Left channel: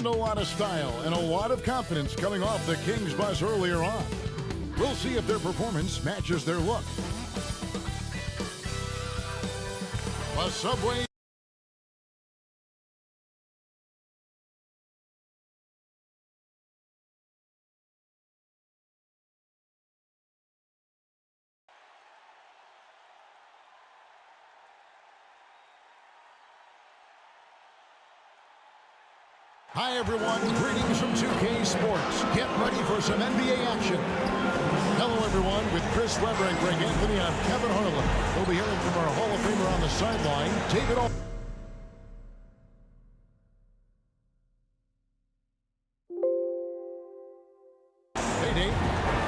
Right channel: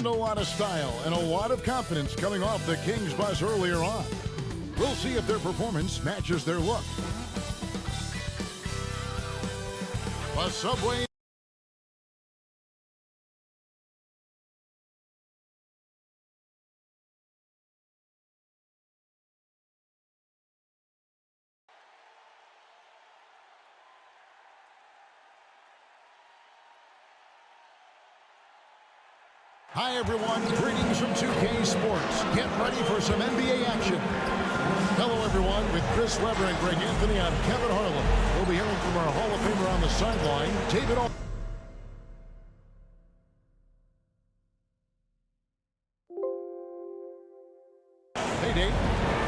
And a lot of style and a lot of confidence coming off the Kings bus earlier on. We'll see if their performance matches their look. A Subway. Hi everyone, greetings from 2K Sports. Get ready for some NBA action. Hello everyone, with Chris Webber and Greg Anthony, I'm Kevin Harlan. We'll be hearing from our Hall of Famer on the sideline, David Al. Hey Dave.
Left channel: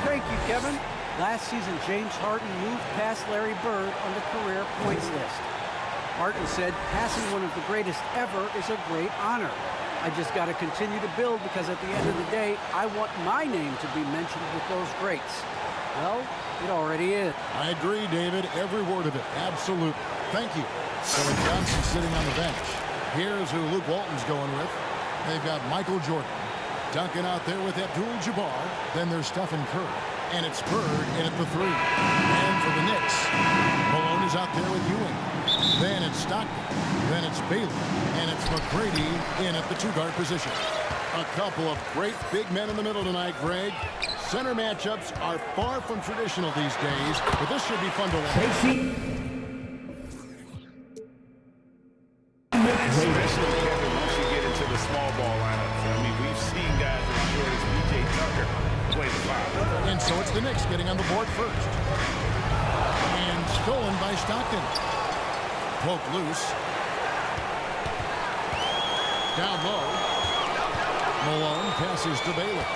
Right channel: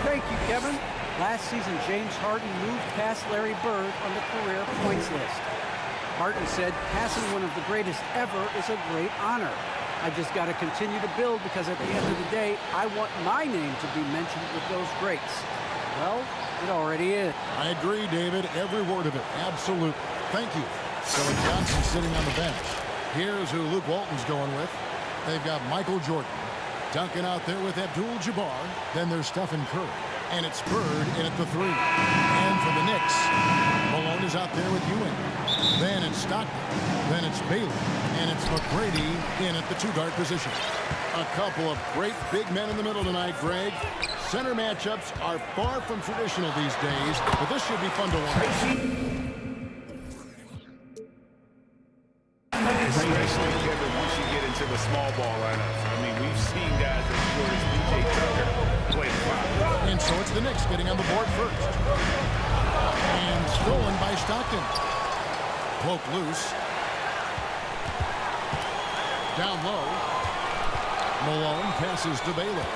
Thank you, Kevin. Last season, James Harden moved past Larry Bird on the career points list. Harden said, passing one of the greatest ever is a great honor. I just got to continue to build because at the end of the day, I want my name to be mentioned with those greats. Well, it already is. I agree, David. Every word of it. Absolutely. Thank you. So Johnson sitting on the bench. Here's who Luke Walton's going with. They've got Michael Jordan. Duncan out there with Abdul-Jabbar. Then there's Stephen Curry. And it's Bird in at the 3. And for the Knicks, Malone is out there with Ewing. Then it's Stockton. Then it's Baylor. And it's McGrady in at the 2-guard position. A couple of great big men in the middle tonight, Greg. Center matchups are far from traditional these days, but this should be fun to watch. Especially, Kevin, once you get into the small ball lineups. I mean, we've seen guys as short as P.J. Tucker play the 5. And so it's the Knicks getting on the board first. And stolen by Stockton. Poked loose. Down low. Malone passes to Baylor.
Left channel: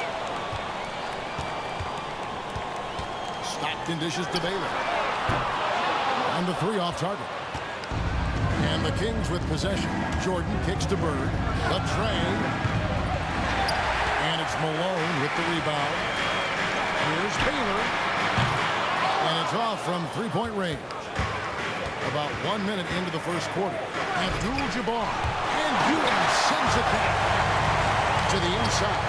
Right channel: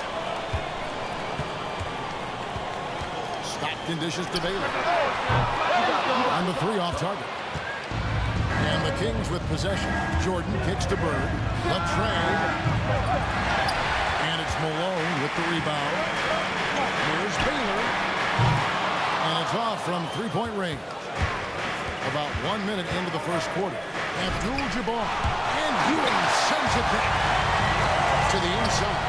Stockton dishes to Baylor. On the 3 off target. And the Kings with possession. Jordan kicks to Bird. Left train. And it's Malone with the rebound. Here's Baylor. And it's off from 3-point range. About 1 minute into the first quarter. Abdul-Jabbar. And Ewing sends it back to the inside.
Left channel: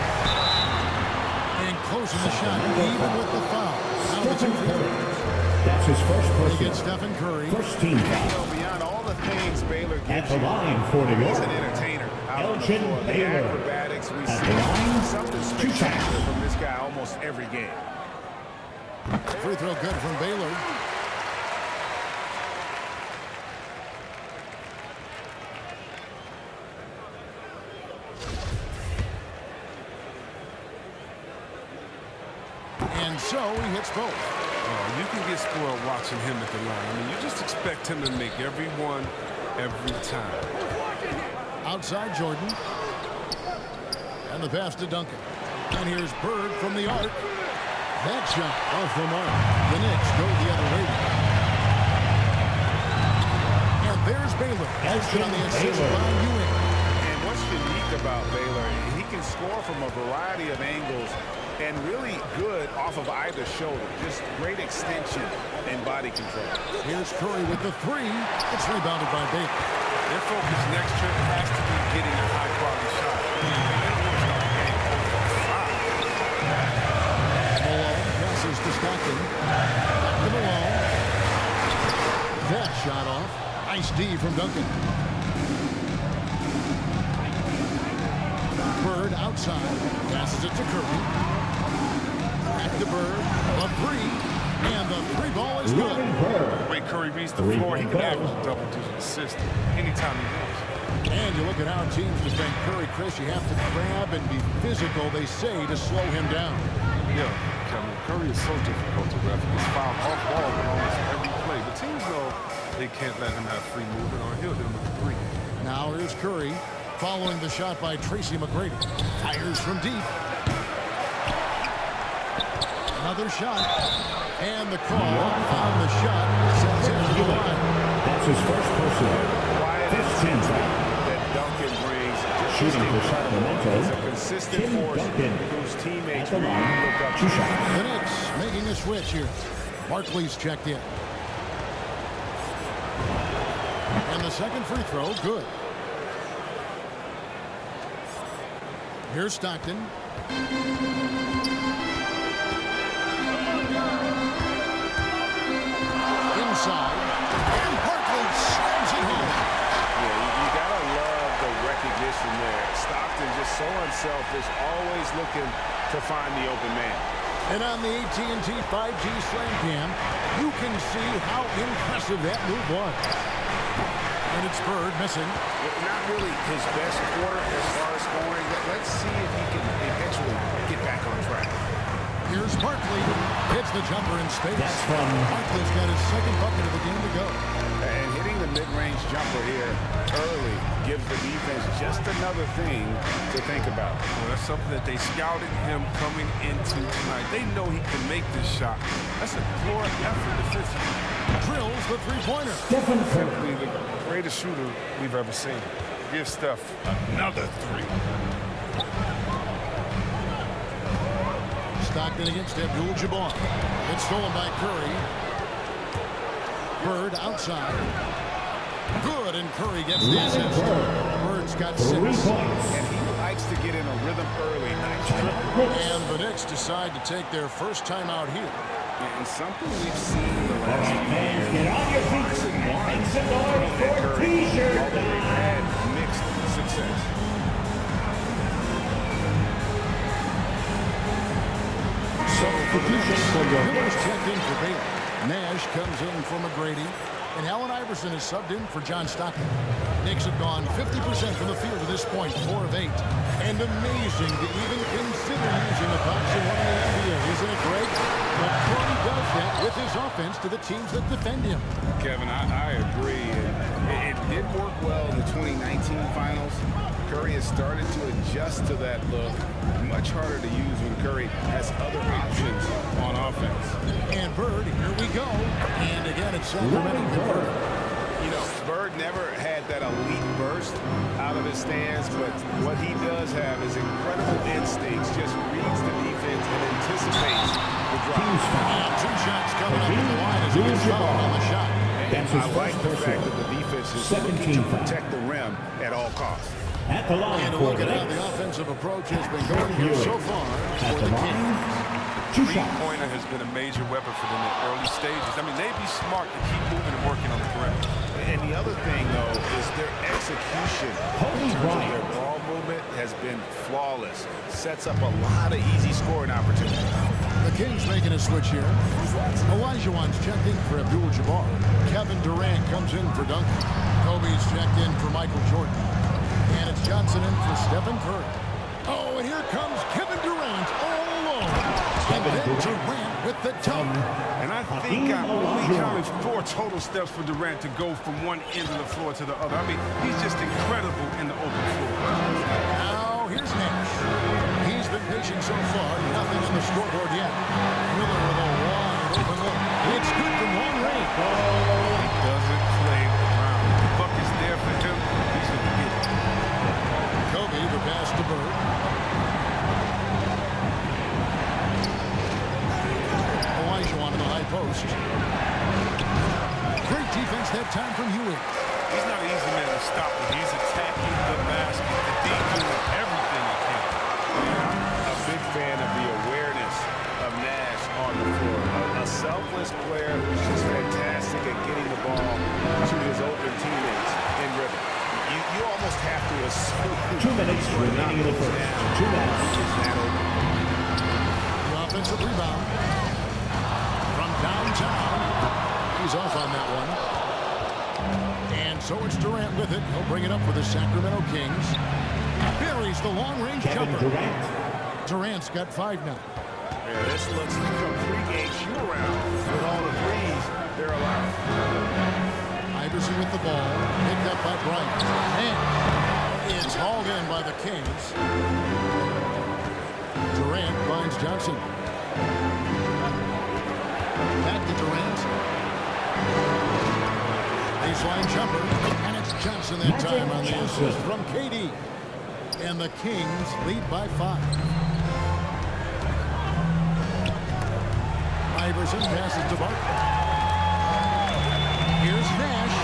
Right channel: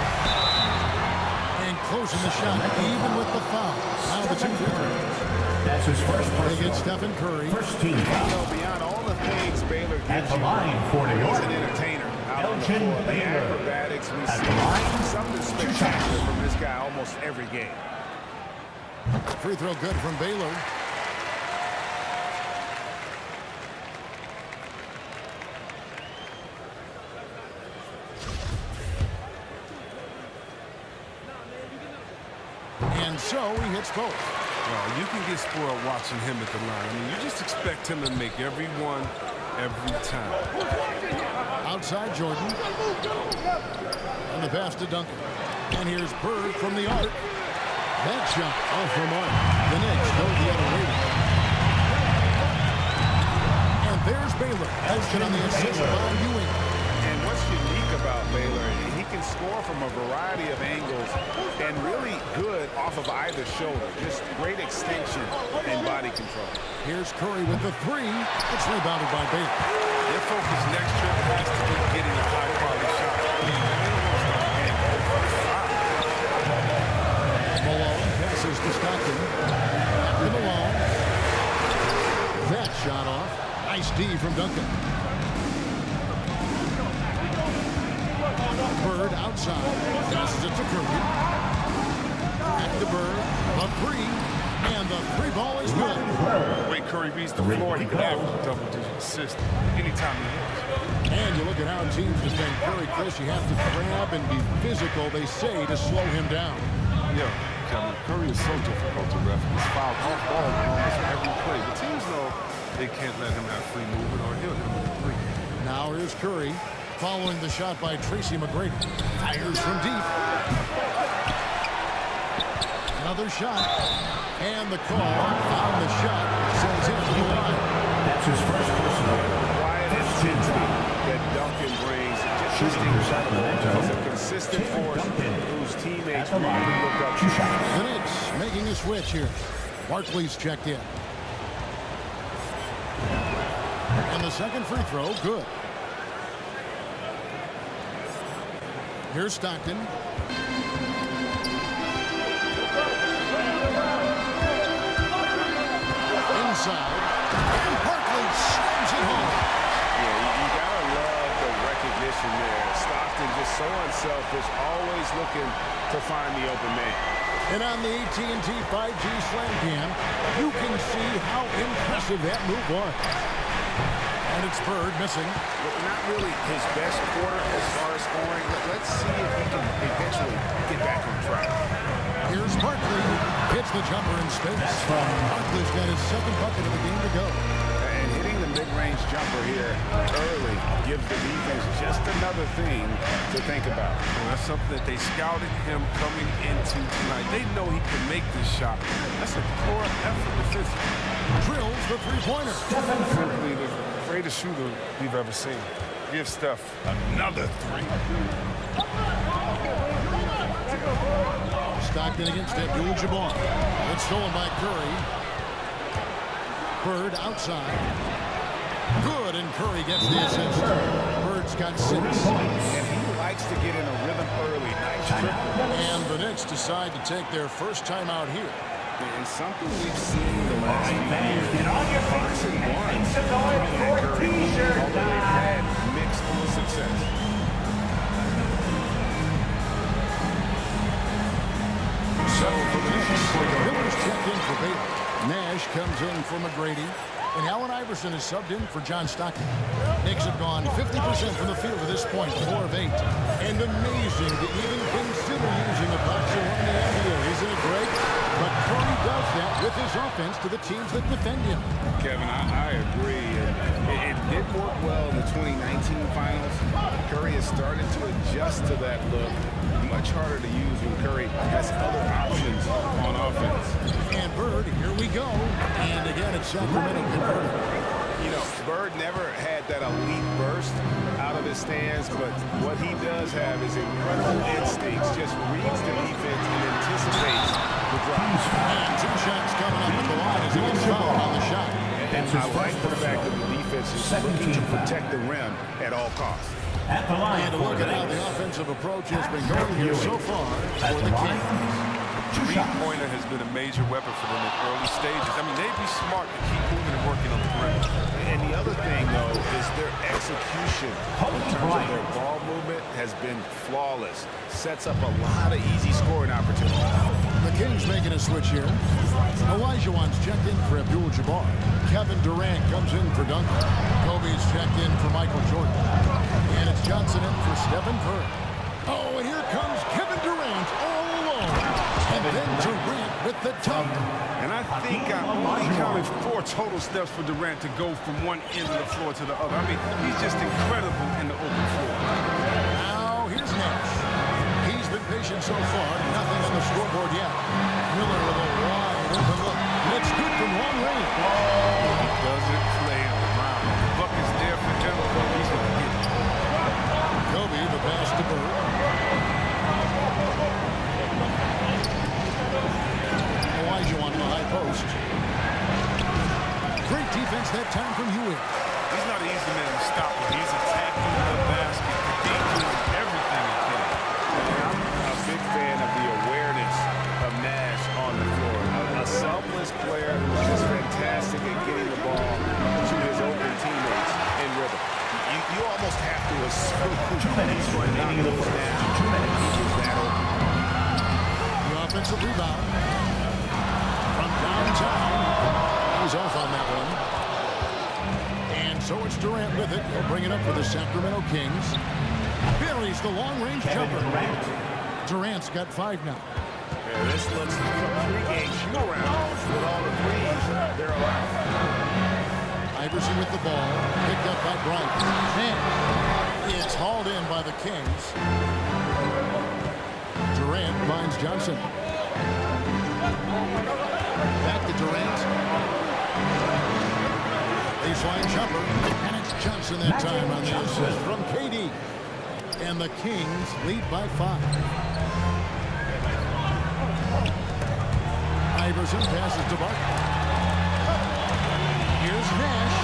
And closing the shot, even with the foul. Now the 2 free throws. That's his first personal. They get Stephen Curry. First team foul. You know, beyond all the things Baylor gives At the you, line for New York. he's an entertainer out on the Elgin floor. The Baylor. acrobatics we At see, the line, something spectacular from this guy almost every game. Free throw good from Baylor. And so he hits both. Oh, you can get spoiled watching him at the line. I mean, you just expect him to make every one, every time. Outside Jordan. And the pass to Duncan. And here's Bird from the arc. That shot off the mark. The Knicks go the other way. And there's Baylor. Elgin on the assist by Ewing. And what's unique about Baylor, he can score from a variety of angles and really good off of either shoulder. Just great extension and body control. Here's Curry with the 3. It's rebounded by Baylor. Their focus next trip has to be getting a high-quality shot. I mean, they don't want to start the game over 5. Malone passes to Stockton. Back to Malone. That shot off. Nice D from Duncan. Bird outside. Passes it to Curry. Back to Bird. The 3. And the 3 ball is good. The way Curry reads the floor, he can average a double-digit assist anytime he wants. And you look at how teams defend Curry, Chris. You have to grab and be physical, they say, to slow him down. Yeah, Kevin, Curry is so difficult to ref. He gets fouled off ball on almost every play. The teams know they can't let him have free movement or he'll hit him with a 3. Now here's Curry. Following the shot by Tracy McGrady. Fires from deep. Another shot. And the call on the shot sends him to the line. That's his first personal. The quiet intensity that Duncan brings. Just incredible. He's a consistent force whose teammates really look up to. The Knicks making a switch here. Barkley's checked in. And the second free throw, good. Here's Stockton. Inside. And Barkley slams it home. Yeah, you gotta love the recognition there. Stockton just so unselfish, always looking to find the open man. And on the AT&T 5G Slam Cam, you can see how impressive that move was. And it's Bird missing. Not really his best quarter as far as scoring. Let's see if he can eventually get back on track. Here's Barkley. Hits the jumper in space. That's from Barkley's got his second bucket of the game to go. And hitting the mid-range jumper here early gives the defense just another thing to think about. Well, that's something that they scouted him coming into tonight. They know he can make this shot. That's a poor effort defensively. Drills the three-pointer. Stephen Curry. Simply the greatest shooter we've ever seen. Give Steph another three. Stockton against Abdul-Jabbar. It's stolen by Curry. Bird outside. Good, and Curry gets the assist. Bird's got 6. 3 points. And he likes to get in a rhythm early. Nice triple. And the Knicks decide to take their first time out here. And something we've seen the last few Fans, years. get on your feet Fox and and one make some noise throwing at for Curry, T-shirt although they've time. had mixed success. So for the Knicks, Miller's checked in for Baylor. Nash comes in for McGrady. And Allen Iverson is subbed in for John Stockton. Knicks have gone 50% from the field to this point, 4 of 8. And amazing to even consider using a box and one in the NBA, isn't it, Greg? But Curry does that with his offense to the teams that defend him. Kevin, I agree. And it did work well in the 2019 finals. Curry has started to adjust to that look. Much harder to use when Curry has other options on offense. And Bird, here we go. And again, it's Sacramento converted. You know, Bird never had that elite burst out of his stance, but what he does have is incredible instincts, just reads the defense and anticipates the drop. And 2 shots coming up at the line as he gets fouled on the shot. And I like the fact that the defense is looking to protect the rim at all costs. At the line And to for look the at how Knicks. the offensive approach has been going here so far for the Kings. Three-pointer has been a major weapon for them in early stages. I mean, they'd be smart to keep moving and working on the perimeter. And the other thing, though, is their execution in terms of their ball movement has been flawless. Sets up a lot of easy scoring opportunities. The Kings making a switch here. Olajuwon's checked in for Abdul-Jabbar. Kevin Durant comes in for Duncan. Kobe's checked in for Michael Jordan. And it's Johnson in for Stephen Curry. Oh, and here comes Kevin Durant all alone. And then Durant with the dunk. And I think I only counted 4 total steps for Durant to go from one end of the floor to the other. I mean, he's just incredible in the open floor. Now, here's Nash. He's been patient so far. Nothing on the scoreboard yet. Miller with a wide open look. It's good from long range. He doesn't play around. If the buck is there for him, he's going to get it. Kobe, the pass to Bird. Olajuwon in the high post. Great defense that time from Ewing. He's not an easy man to stop, but he's attacking the basket. The D doing everything he can. And I'm a big fan of the awareness of Nash on the floor. A selfless player who's just fantastic at getting the ball to his open teammates in rhythm. You almost have to assume 2 minutes he's going to knock remaining in the those first. down. 2 minutes. He is that open. The offensive rebound from downtown. He's off on that one. And so it's Durant with it. He'll bring it up for the Sacramento Kings. Buries the long-range jumper. Durant's got 5 now. Yeah, this looks like a pregame shoot-around with all the threes they're allowed. Iverson with the ball, picked up by Bryant. And it's hauled in by the Kings. Durant finds Johnson. Back to Durant. Baseline jumper, and it's Johnson that time on the assist from KD. And the Kings lead by 5. Iverson passes to Barkley. Here's Nash,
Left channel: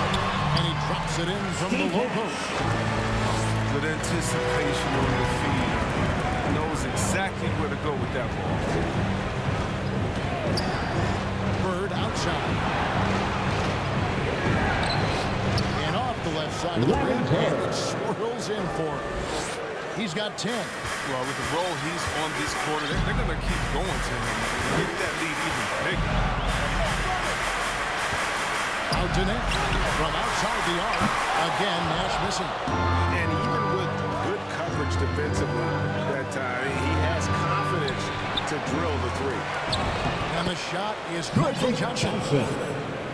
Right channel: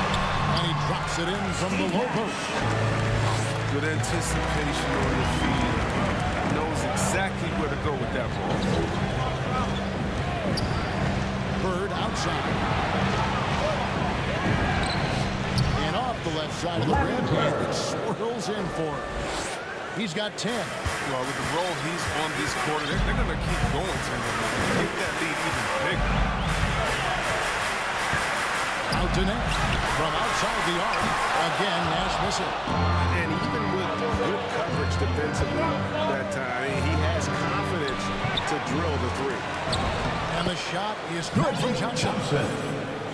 and he drops it in from the low post. Good anticipation on the feed. knows exactly where to go with that ball. Bird outside. And off the left side of the rim, and it swirls in for him. He's got 10. Well, with the role he's on this quarter, they're going to keep going to him and get that lead even bigger. Out to Nash. From outside the arc. Again, Nash missing. And even with good coverage defensively that time, he has confidence to drill the three. And the shot is good from Johnson.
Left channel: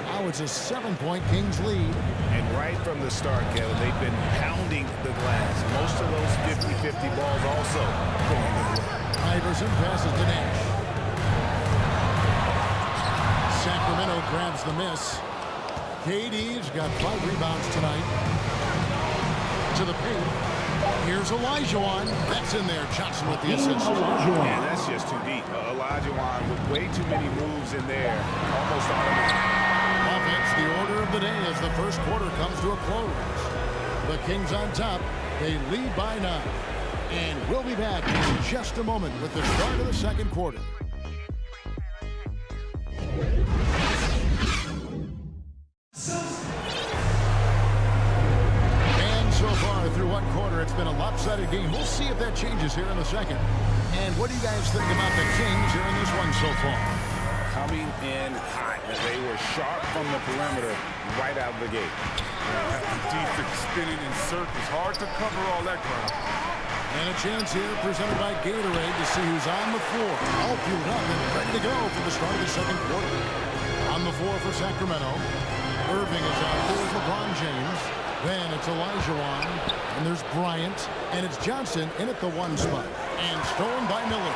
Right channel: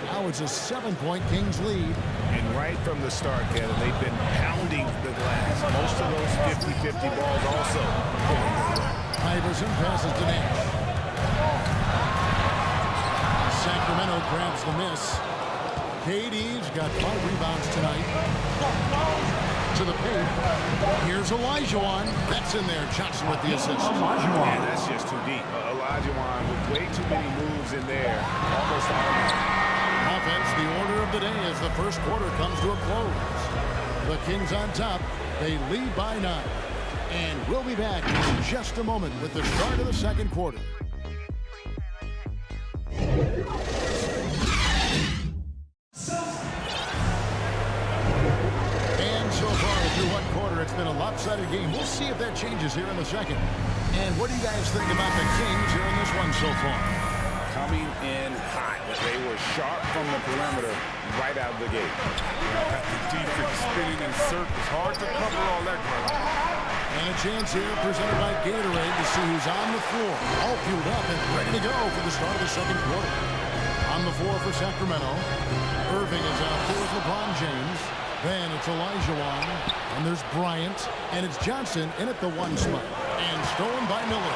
Now it's a 7-point Kings lead. And right from the start, Kevin, they've been pounding the glass. Most of those 50-50 balls also going their way. Iverson passes to Nash. Sacramento grabs the miss. KD's got 5 rebounds tonight. To the paint. Here's Olajuwon. That's in there. Johnson with the assist. Man, that's just too deep. Olajuwon with way too many moves in there. Almost automatic. Offense, the order of the day as the first quarter comes to a close. The Kings on top. They lead by 9. And we'll be back in just a moment with the start of the second quarter. And so far through one quarter, it's been a lopsided game. We'll see if that changes here in the second. And what do you guys think about the Kings here in this one so far? Coming in hot. They were sharp from the perimeter right out of the gate. Yeah, the defense spinning in circles. Hard to cover all that ground. And a chance here presented by Gatorade to see who's on the floor. All fueled up and ready to go for the start of the second quarter. On the floor for Sacramento. Irving is out there with LeBron James. Then it's Olajuwon. And there's Bryant. And it's Johnson in at the 1 spot. And stolen by Miller.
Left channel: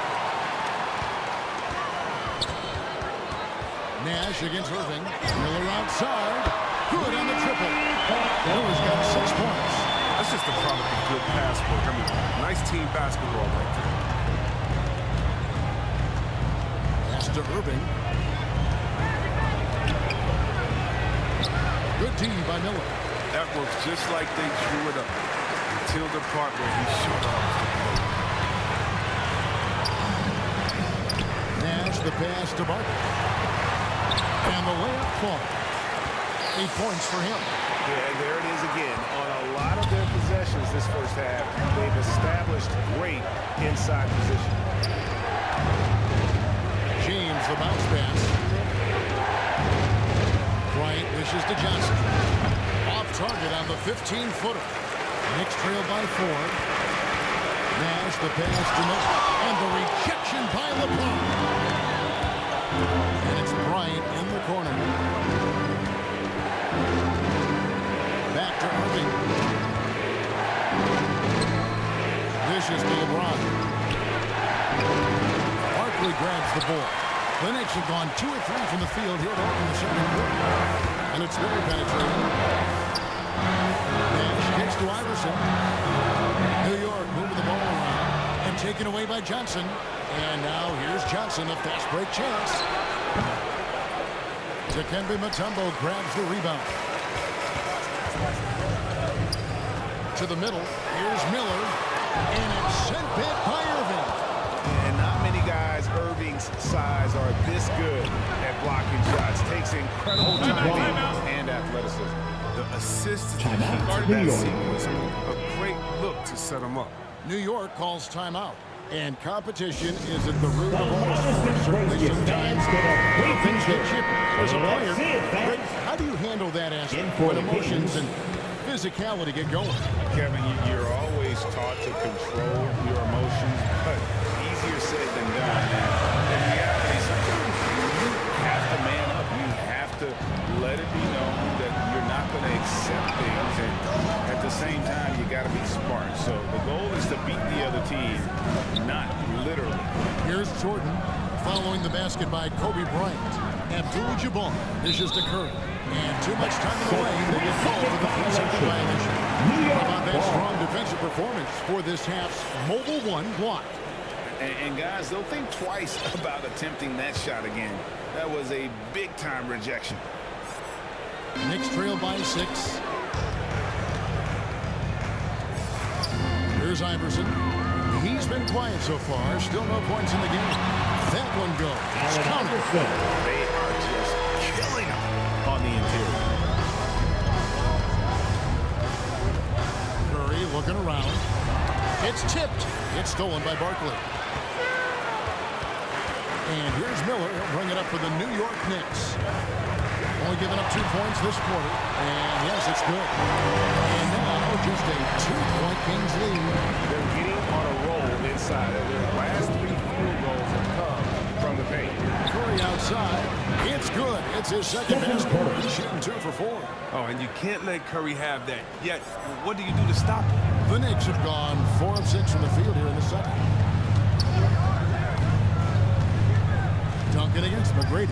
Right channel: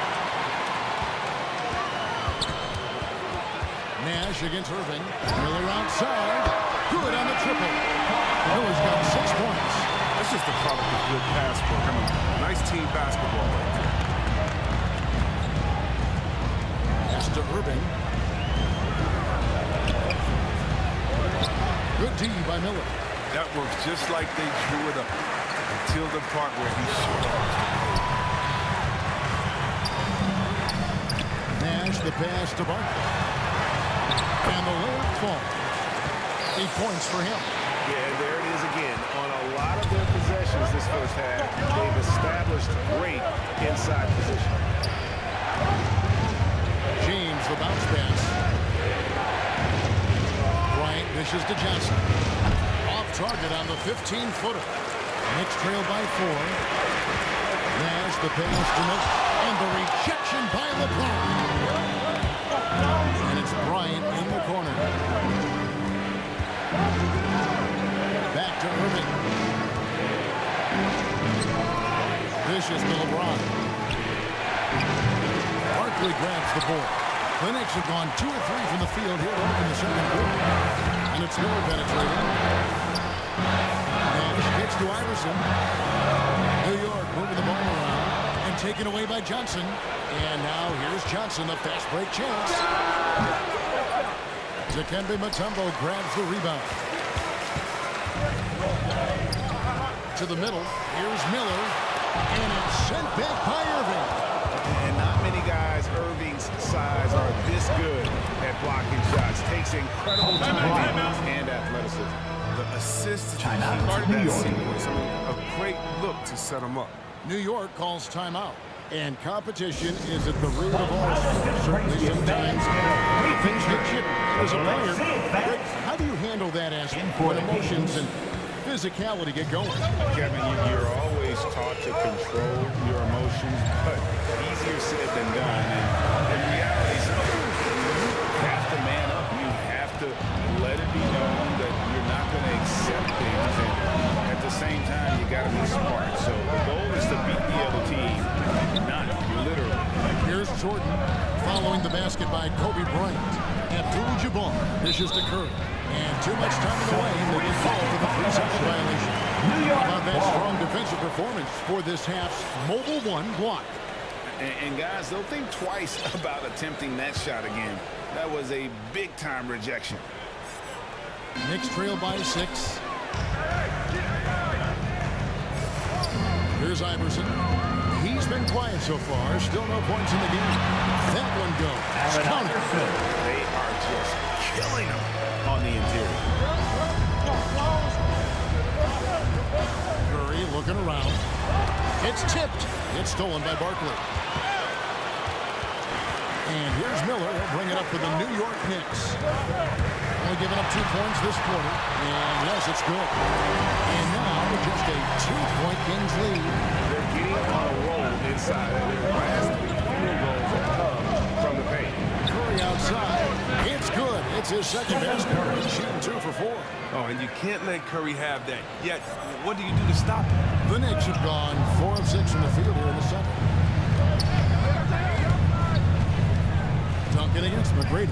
Nash against Irving. Miller outside. Good on the triple. Miller's got 6 points. That's just a product of good pass work. I mean, nice team basketball right there. Pass to Irving. Good D by Miller. That works just like they drew it up until the part where he shut off the play. Nash the pass to Barkley. And the layup falls. 8 points for him. Yeah, there it is again. On a lot of their possessions this first half, they've established great inside position. James the bounce pass. Bryant dishes to Johnson. Off target on the 15-footer. Knicks trail by 4. Nash the pass to Miller. And the rejection by LeBron. And it's Bryant in the corner. Back to Irving. Dishes to LeBron. Barkley grabs the ball. The Knicks have gone 2 of 3 from the field here to open the second quarter. And it's Miller penetrating. Nash kicks to Iverson. New York moving the ball around and taken away by Johnson. And now here's Johnson, the fast break chance. Dikembe Mutombo grabs the rebound. To the middle. Here's Miller. And it's sent back by Irving. And not many guys Irving's size are this good at blocking shots. Takes incredible timing and athleticism. The assist is the key to that sequence. I mean, a great look to set him up. New York calls timeout. And competition is at the root of all sports. Certainly sometimes things get chippy. As a player, Rick, how do you handle that aspect when emotions and physicality get going? Kevin, you're always taught to control your emotions, but easier said than done. And in reality, sometimes you have to man up. You have to let it be known that you're not going to accept things. And at the same time, you got to be smart. So the goal is to beat the other team, not literally. Here's Jordan following the basket by Kobe Bryant. Abdul-Jabbar dishes to Curry. And too much time in the lane. They get called for the 3-second violation. How about that strong defensive performance for this half's Mobile One block? And guys, they'll think twice about attempting that shot again. That was a big-time rejection. Knicks trail by 6. Here's Iverson. He's been quiet so far. Still no points in the game. That one goes. Allen Counted. Iverson. They are just killing them on the interior. Curry looking around. It's tipped. It's stolen by Barkley. And here's Miller. He'll bring it up for the New York Knicks. Only giving up 2 points this quarter. And yes, it's good. And now just a 2-point Kings lead. They're getting on a roll inside. Their last 3 field goals have come from the paint. Curry outside. It's good. It's his second best. He's shooting 2 for 4. Oh, and you can't let Curry have that. Yet, what do you do to stop him? The Knicks have gone 4 of 6 from the field here in the second. Duncan against McGrady.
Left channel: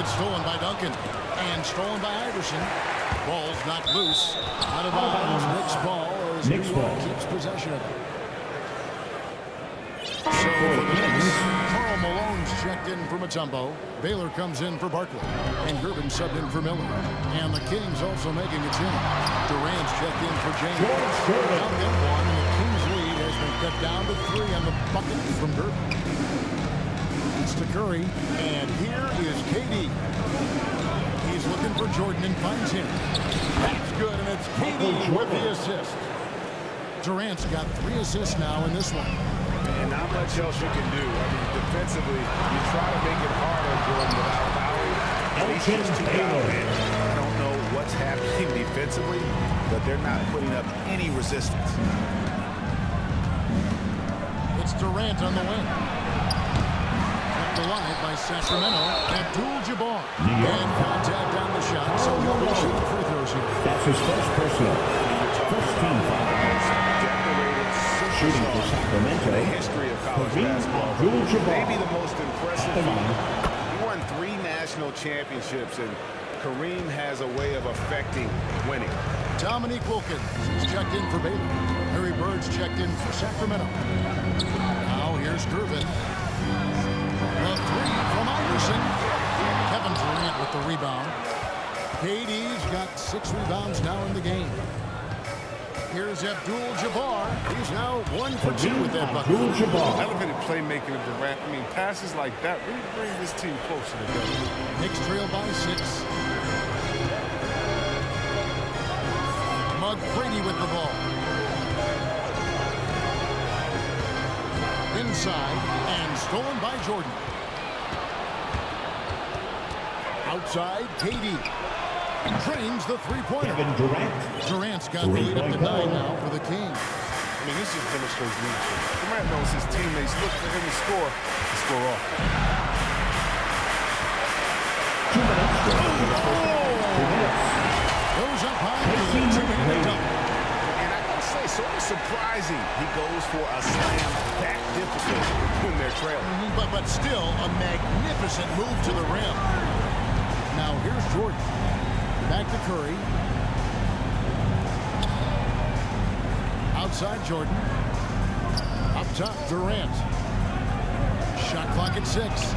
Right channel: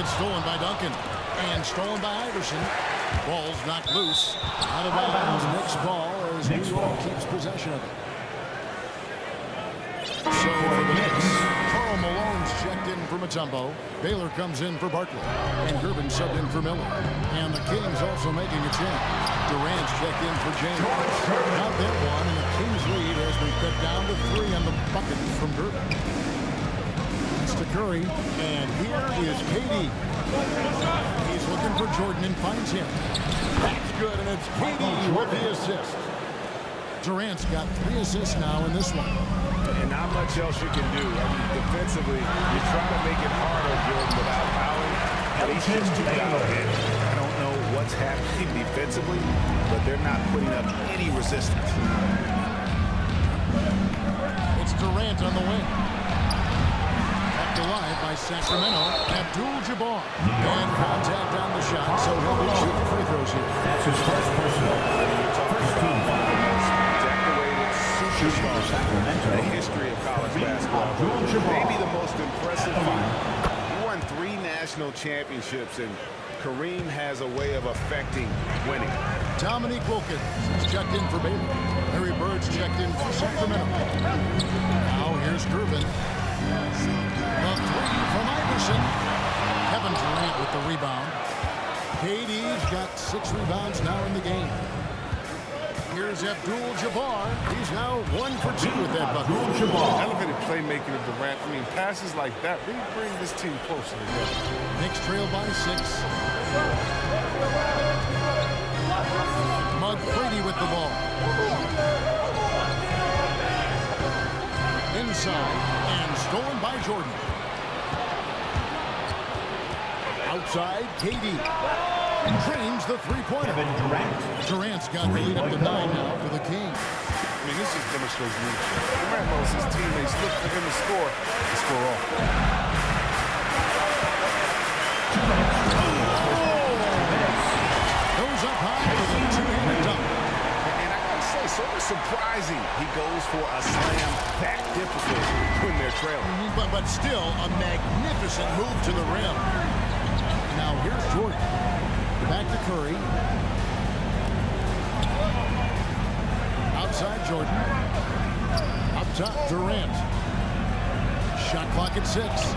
It's stolen by Duncan. And stolen by Iverson. Ball's knocked loose. Out of bounds. Knicks ball as New Knicks York ball. keeps possession of it. So for the Knicks, Karl Malone's checked in for Mutombo. Baylor comes in for Barkley. And Gervin subbed in for Miller. And the Kings also making a change. Durant's checked in for James. George Gervin. Count that one, and the Kings lead has been cut down to 3 on the bucket from Gervin. That's to Curry. And here is KD. He's looking for Jordan and finds him. That's good, and it's KD with the assist. Durant's got 3 assists now in this one. And not much else you can do. I mean, defensively, you try to make it hard on Jordan without fouling, but he's just too dialed in. I don't know what's happening defensively, but they're not putting up any resistance. It's Durant on the wing. Kept alive by Sacramento. Abdul-Jabbar. And contact on the shot, so he'll be shooting free throws here. That's his first personal. You're talking First about team one of the foul. most decorated Shooting for superstars Sacramento. in the history of college Kareem basketball. Abdul-Jabbar. Maybe the most impressive. At the line. He won 3 national championships, and Kareem has a way of affecting winning. Dominique Wilkins is checked in for Baylor. Larry Bird's checked in for Sacramento. Now here's Gervin. The 3 from Iverson. Kevin Durant with the rebound. KD's got 6 rebounds now in the game. Here's Abdul-Jabbar. He's now 1 for 2 with that bucket. Abdul-Jabbar. Elevated playmaking of Durant. I mean, passes like that really bring this team closer together. Knicks trail by 6. McGrady with the ball. Inside and stolen by Jordan. Outside, KD. Drains the 3-pointer. Kevin Durant. Durant's got the lead up to 9 now for the Kings. I mean, this just demonstrates leadership. Durant knows his teammates look for him to score off. 2 minutes. 2 minutes. Goes up high for the 2-handed dunk. And I gotta say, sort of surprising he goes for a slam that difficult when they're trailing. But still a magnificent move to the rim. Now here's Jordan. Back to Curry. Outside Jordan. Up top Durant. Shot clock at 6.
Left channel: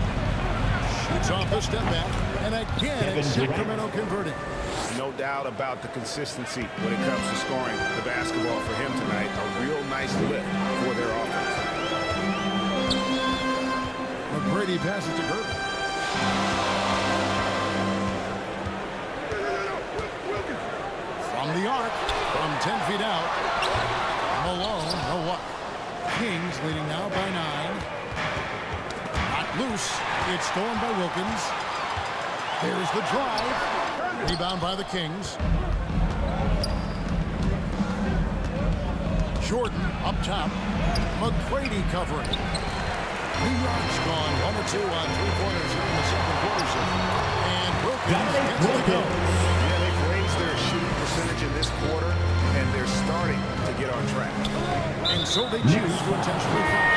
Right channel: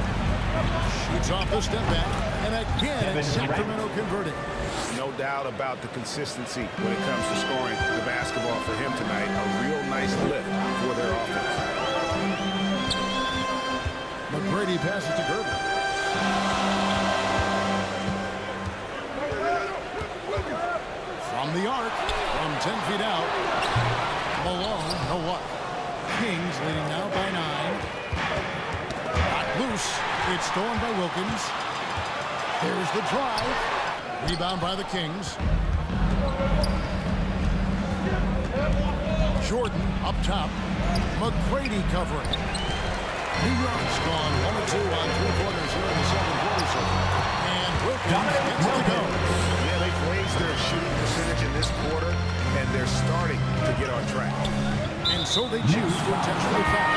Shoots off the step back. And again it's Sacramento converting. No doubt about the consistency when it comes to scoring the basketball for him tonight. A real nice lift for their offense. McGrady passes to Gervin. From the arc, from 10 feet out, Malone, no luck. Kings leading now by 9. Knocked loose. It's stolen by Wilkins. There's the drive. Rebound by the Kings. Jordan up top. McGrady covering. New York's gone 1 or 2 on 3-pointers here in the second quarter. And Wilkins gets it to go. Yeah, they've raised their shooting percentage in this quarter, and they're starting to get on track. And so they choose to intentionally foul.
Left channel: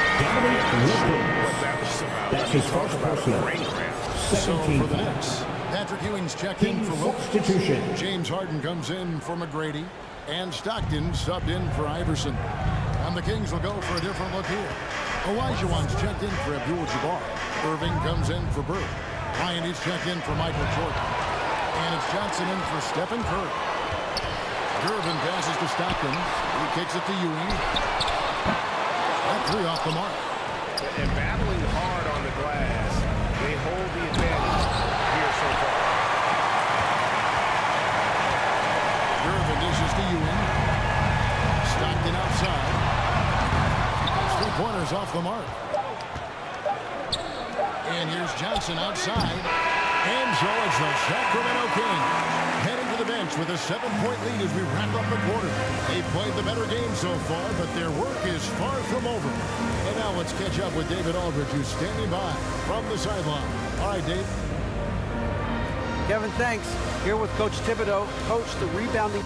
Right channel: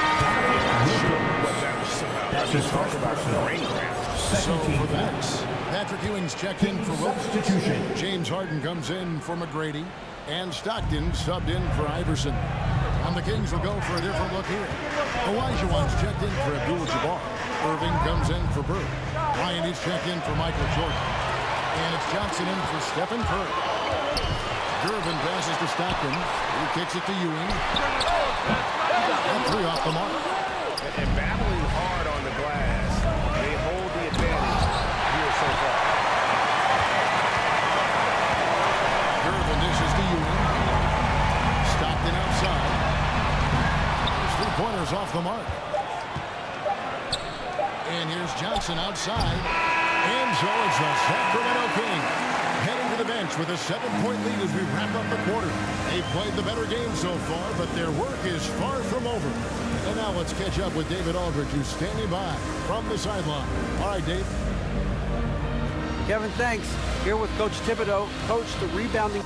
What that was about. That's his talk first about a personal. brain cramp. So Second team for the foul. Knicks, Patrick Ewing's checked in for Wilkins. Substitution. James Harden comes in for McGrady. And Stockton subbed in for Iverson. And the Kings will go for a different look here. Olajuwon's checked in for Abdul-Jabbar. Irving comes in for Bird. Ryan is checked in for Michael Jordan. And it's Johnson in for Stephen Curry. Gervin passes to Stockton. He kicks it to Ewing. That three off the mark. And battling hard on the glass, they hold the advantage here so far. Gervin dishes to Ewing. Stockton outside. Those three-pointers off the mark. And here's Johnson outside. And so it's the Sacramento Kings heading to the bench with a 7-point lead as we wrap up the quarter. They've played the better game so far, but their work is far from over. And now let's catch up with David Aldridge, who's standing by from the sideline. All right, Dave. Kevin, thanks. Here with Coach Thibodeau. Coach, the rebounding.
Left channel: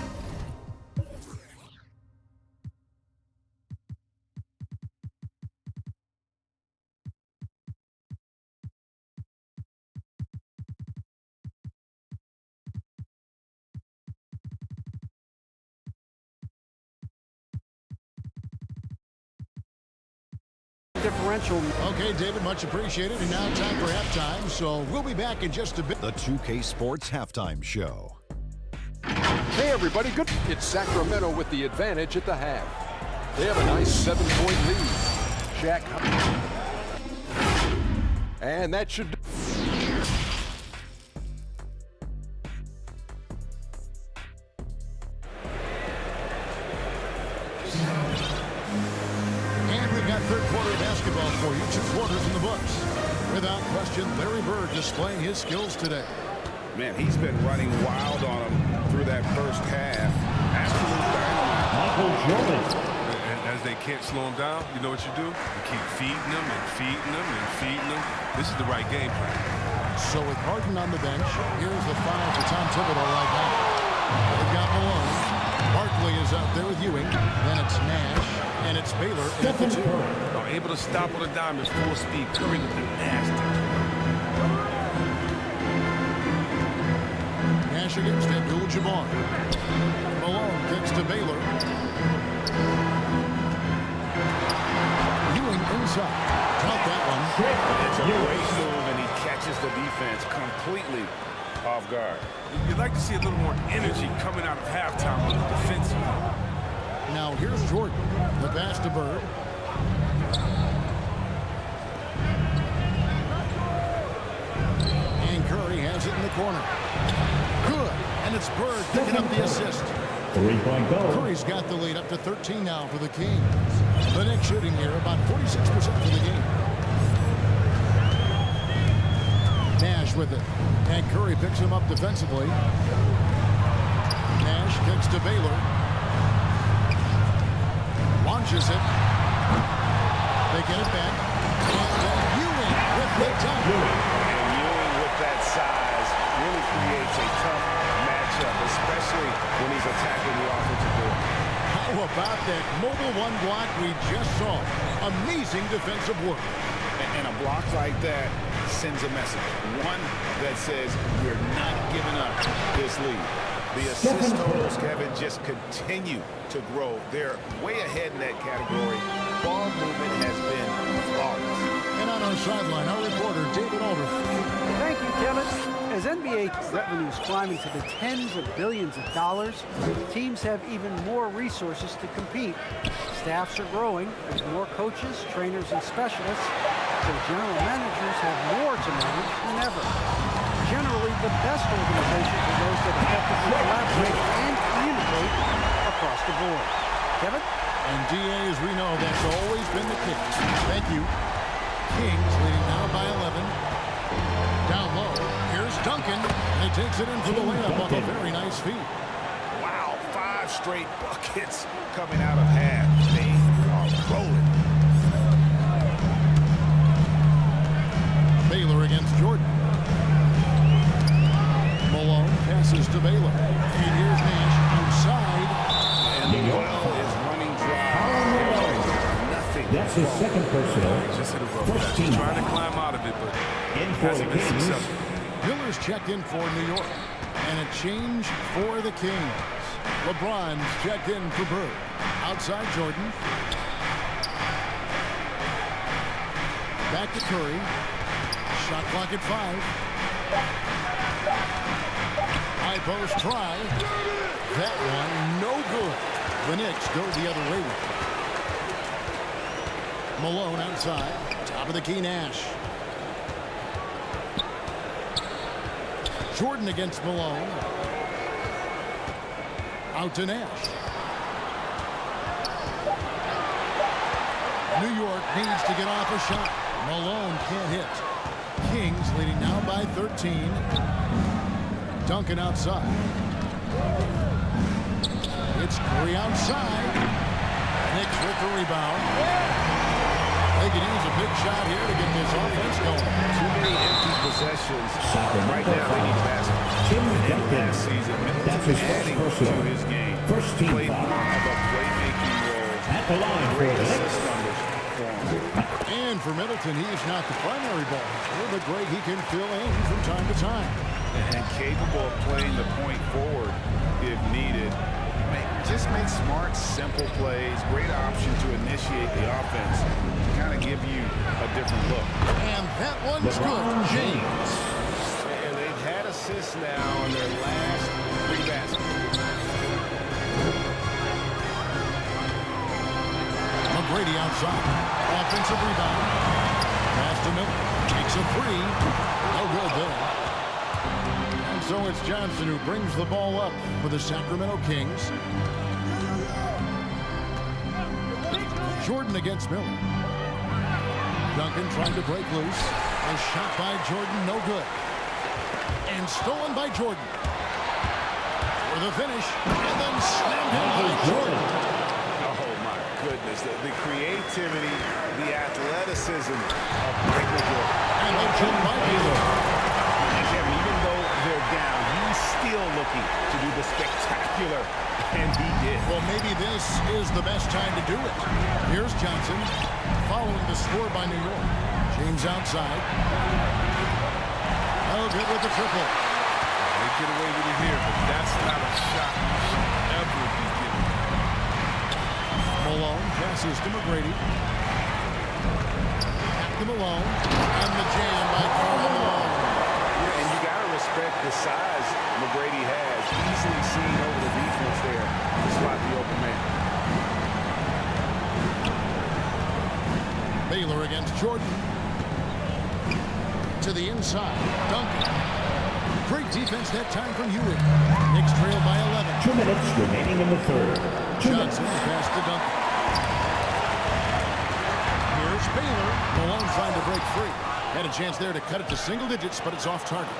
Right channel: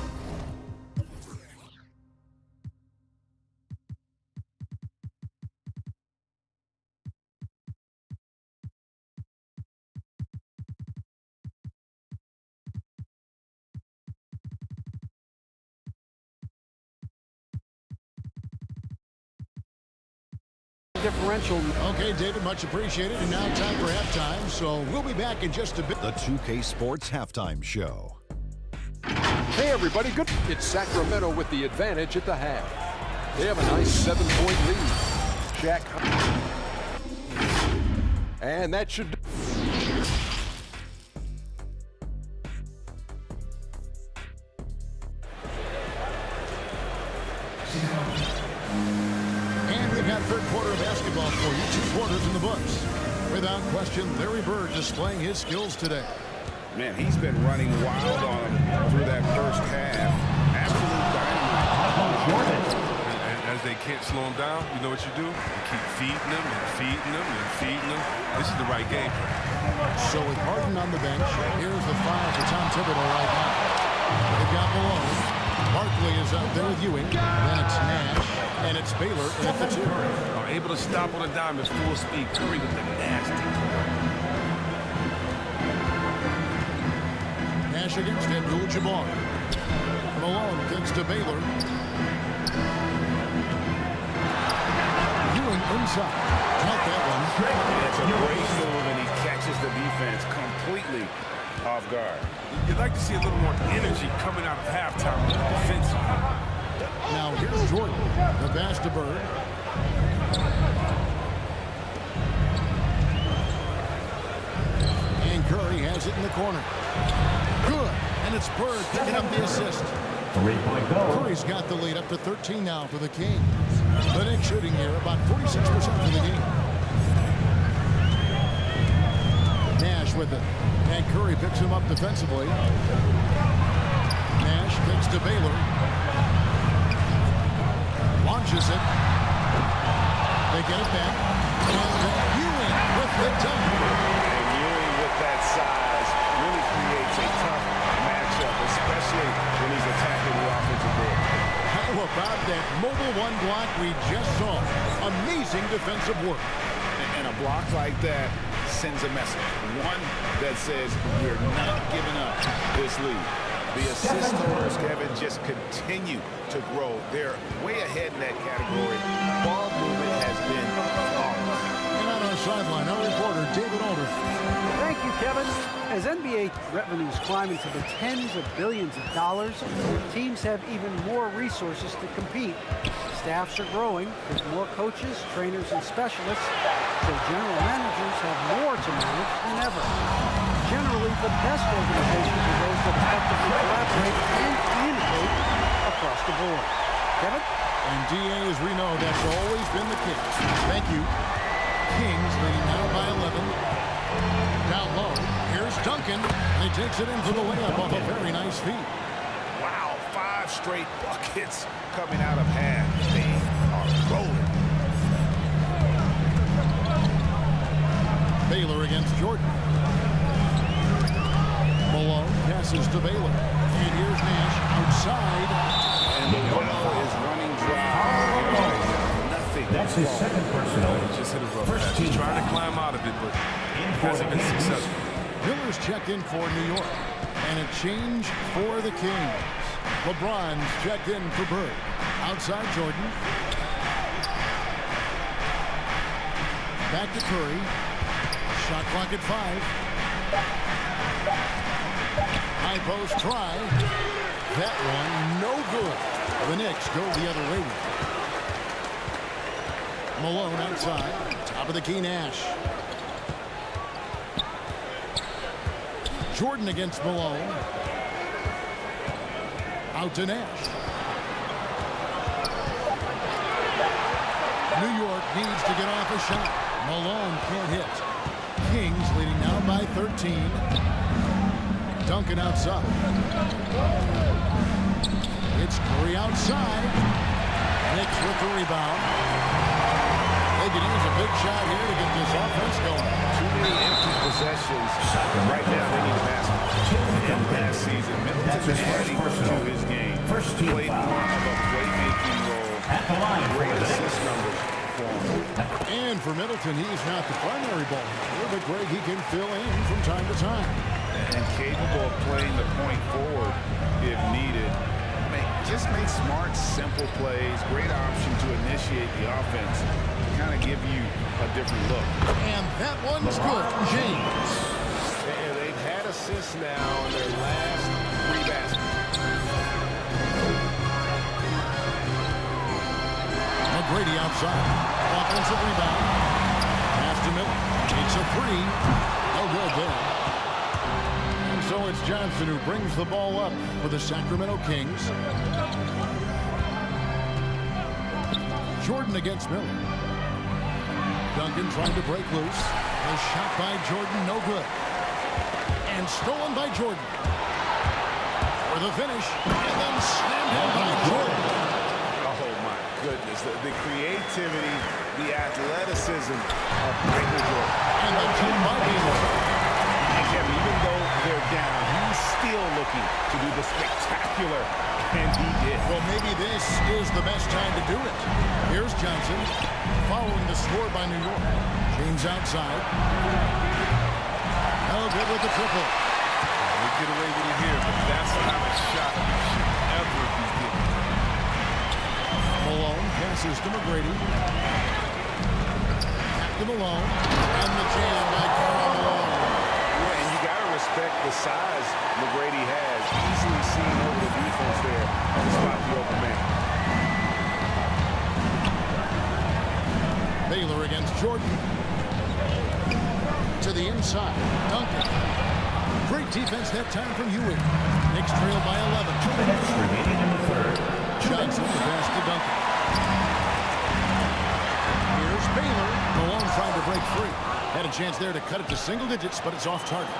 Differential. Okay, David, much appreciated. And now time for halftime, so we'll be back in just a bit. The 2K Sports Halftime Show. Hey everybody, good. It's Sacramento with the advantage at the half. They have a nice 7-point lead. Shaq. And that should... And we've got third quarter of basketball for you. 2 quarters in the books. Without question, Larry Bird displaying his skills today. Man, he's been running wild on him through that first half. Absolute dynamite. Michael Jordan. And as they can't slow him down, you know what you do? You keep feeding them and feeding them and feeding them. This is the right game plan. So with Harden on the bench, here's the 5 for Tom Thibodeau right now. They've got Malone. Barkley is out there with Ewing. Then it's Nash. And it's Baylor in at the 2. Are able to stop on a dime at full speed. Curry with the nasty. Nash against Abdul-Jabbar. Malone kicks to Baylor. Ewing inside. Caught that one. It's a great move, and he catches the defense completely off guard. You'd like to see a little more energy coming out of halftime on the defensive end. Now here's Jordan. The pass to Bird. And Curry has it in the corner. Good. And it's Bird picking up the assist. 3-point goal. Curry's got the lead up to 13 now for the Kings. The Knicks shooting here about 46% for the game. Nash with it. And Curry picks him up defensively. Nash kicks to Baylor. Launches it. They get it back. And Ewing with the dunk. And Ewing with that size really creates a tough matchup, especially when he's attacking the offensive board. How about that mobile 1 block we just saw? Amazing defensive work. And a block like that sends a message. One that says we're not giving up this lead. The assist totals, Kevin, just continue to grow. They're way ahead in that category. Ball movement has been flawless. And on our sideline, our reporter, David Aldridge. Thank you, Kevin. As NBA revenues climb into the tens of billions of dollars, teams have even more resources to compete. Staffs are growing with more coaches, trainers, and specialists, so general managers have more to manage than ever. Generally, the best organizations are those that effectively collaborate and communicate across the board. Kevin? And DA, as we know, that's always been the case. Thank you. Kings leading now by 11. Down low, here's Duncan, and he takes it in for the layup off a very nice feed. Wow, 5 straight buckets coming out of half. They are rolling. Baylor against Jordan. Malone passes to Baylor. And here's Nash outside. And the well is running dry. Nothing. That's his second personal. He just hit a rough First patch. He's team trying to foul. climb out of it, but In for hasn't the been Kings. successful. Miller's checked in for New York. And a change for the Kings. LeBron's checked in for Bird. Outside Jordan. Back to Curry. Shot clock at 5. High post try. That one no good. The Knicks go the other way with it. Malone outside. Top of the key, Nash. Jordan against Malone. Out to Nash. New York needs to get off a shot. Malone can't hit. Kings leading now by 13. Duncan outside. It's Curry outside. Knicks with the rebound. They could use a big shot here to get this offense going. Too many empty possessions. Right now, they need a basket. And last season, Middleton adding to his game. Played more of a playmaking role. At the line Great for the assist numbers for him. And for Middleton, he's not the primary ball handler, but Greg, he can fill in from time to time. And capable of playing the point forward if needed. Just make smart, simple plays. Great option to initiate the offense to kind of give you a different look. And that one's LeBron good. James. And they've had assists now in their last 3 baskets. McGrady outside. Offensive rebound. Pass to Miller. Takes a 3. No good there. And so it's Johnson who brings the ball up for the Sacramento Kings. Jordan against Miller. Duncan trying to break loose. A shot by Jordan, no good. And stolen by Jordan. For the finish. And then slammed in by Jordan. Oh, my goodness. The creativity, the athleticism of Michael Jordan. And the jump by Baylor. And Kevin, even though they're down, he's still looking to do the spectacular, and he did. Well, maybe this is the best time to do it. Here's Johnson following the score by New York. James outside. No good with the triple. They get away with it here, but that's not a shot you should ever be giving. Malone passes to McGrady. Back to Malone. And the jam by Karl Malone. Yeah, and you got to respect the size McGrady has. Easily seen over the defense there to spot the open man. Baylor against Jordan. To the inside. Duncan. Great defense that time from Hewitt. Knicks trail by 11. 2 minutes remaining in the third. Johnson, the pass to Duncan. Here's Baylor. Malone trying to break free. Had a chance there to cut it to single digits, but it's off target.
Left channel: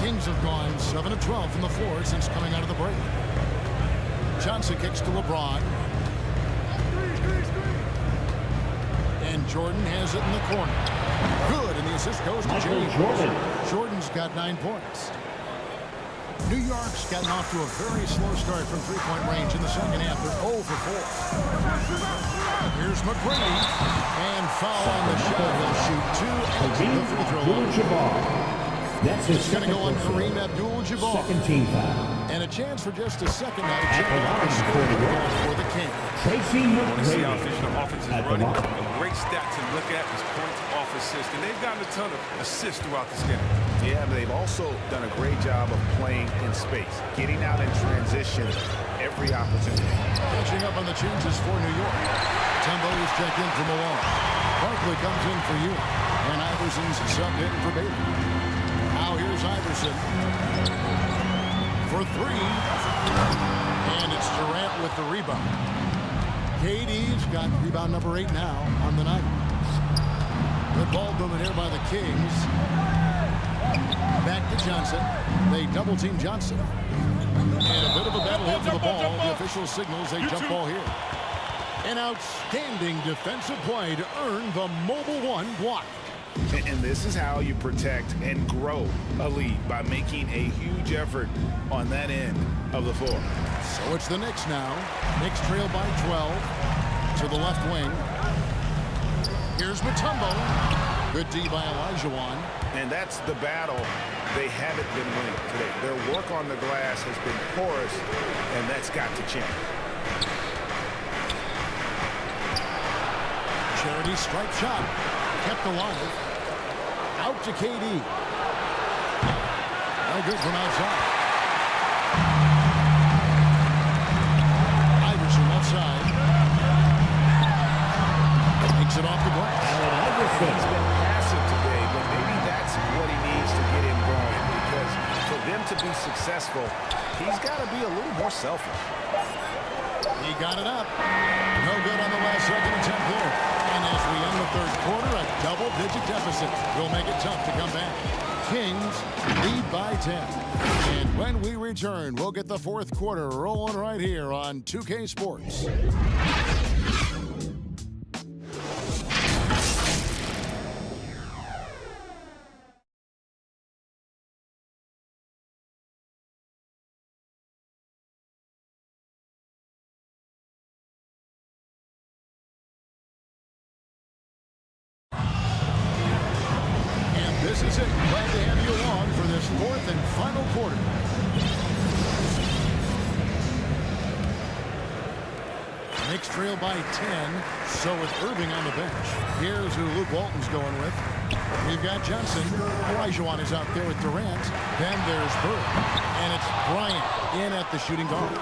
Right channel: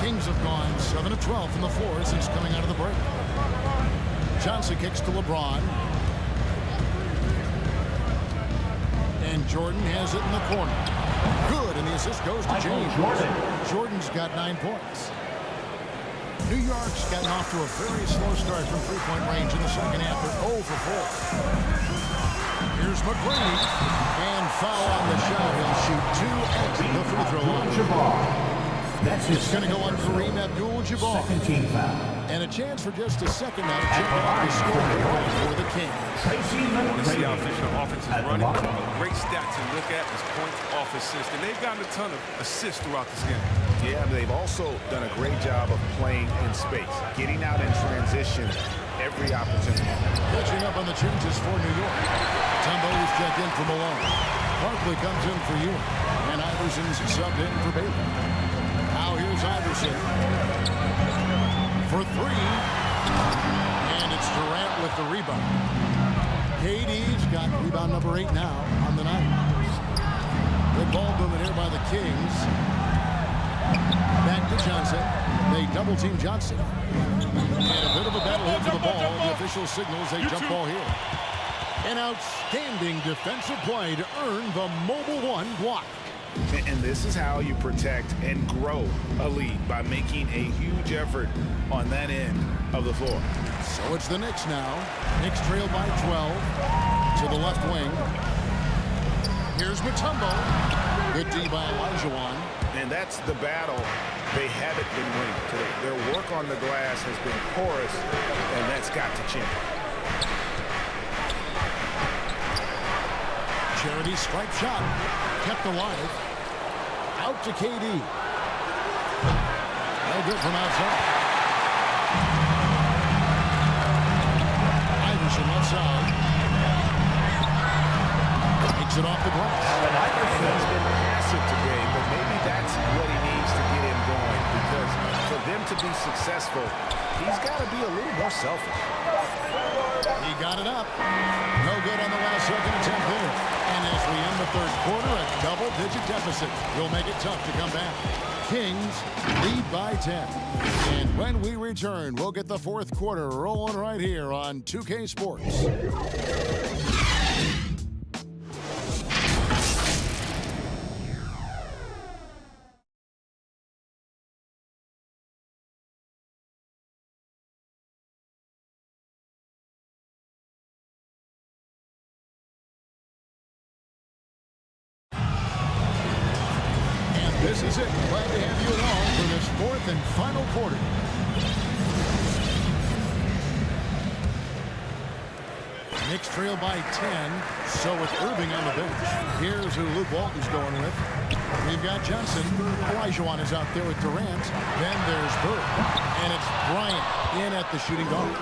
Kings have gone 7 of 12 from the floor since coming out of the break. Johnson kicks to LeBron. And Jordan has it in the corner. Good, and the assist goes to Michael James. Jordan. Jordan's got 9 points. New York's gotten off to a very slow start from three-point range in the second half. They're 0 for 4. Here's McGrady. And foul on the shot. He'll shoot 2 at the free throw line. Abdul-Jabbar. That's his It's going to go on Kareem Abdul-Jabbar. second team foul. And a chance for just a second now to check out the score breakdown for the Kings. Tracy Want to see how McGrady. efficient the offense is At the running? line. A great stat to look at is points off assist, and they've gotten a ton of assists throughout this game. Yeah, but they've also done a great job of playing in space, getting out in transition every opportunity. Catching up on the changes for New York. Tumbo is checked in for Malone. Barkley comes in for Ewing. And Iverson's subbed in for Baylor. Now here's Iverson. For 3. And it's Durant with the rebound. KD's got rebound number 8 now on the night. Good ball movement here by the Kings. Back to Johnson. They double team Johnson. And a bit of a battle here for the ball. The official signals a jump ball here. An outstanding defensive play to earn the Mobile One block. And this is how you protect and grow a lead, by making a huge effort on that end of the floor. So it's the Knicks now. Knicks trail by 12 to the left wing. Here's Mutombo. Good D by Olajuwon. And that's the battle they haven't been winning today. Their work on the glass has been porous, and that's got to change. Charity stripe shot. Kept alive. Out to KD. No good from outside. Iverson left side. Takes it off the glass. Allen Iverson. He's been passive today, but maybe that's what he needs to get him going, because for them to be successful, he's got to be a little more selfish. He got it up. No good on the last second attempt there. And as we end the third quarter, a double-digit deficit will make it tough to come back. Kings lead by 10. And when we return, we'll get the fourth quarter rolling right here on 2K Sports. This is it. Glad to have you along for this fourth and final quarter. Knicks trail by 10, so with Irving on the bench. Here's who Luke Walton's going with. We've got Johnson. Olajuwon is out there with Durant. Then there's Bird. And it's Bryant in at the shooting guard.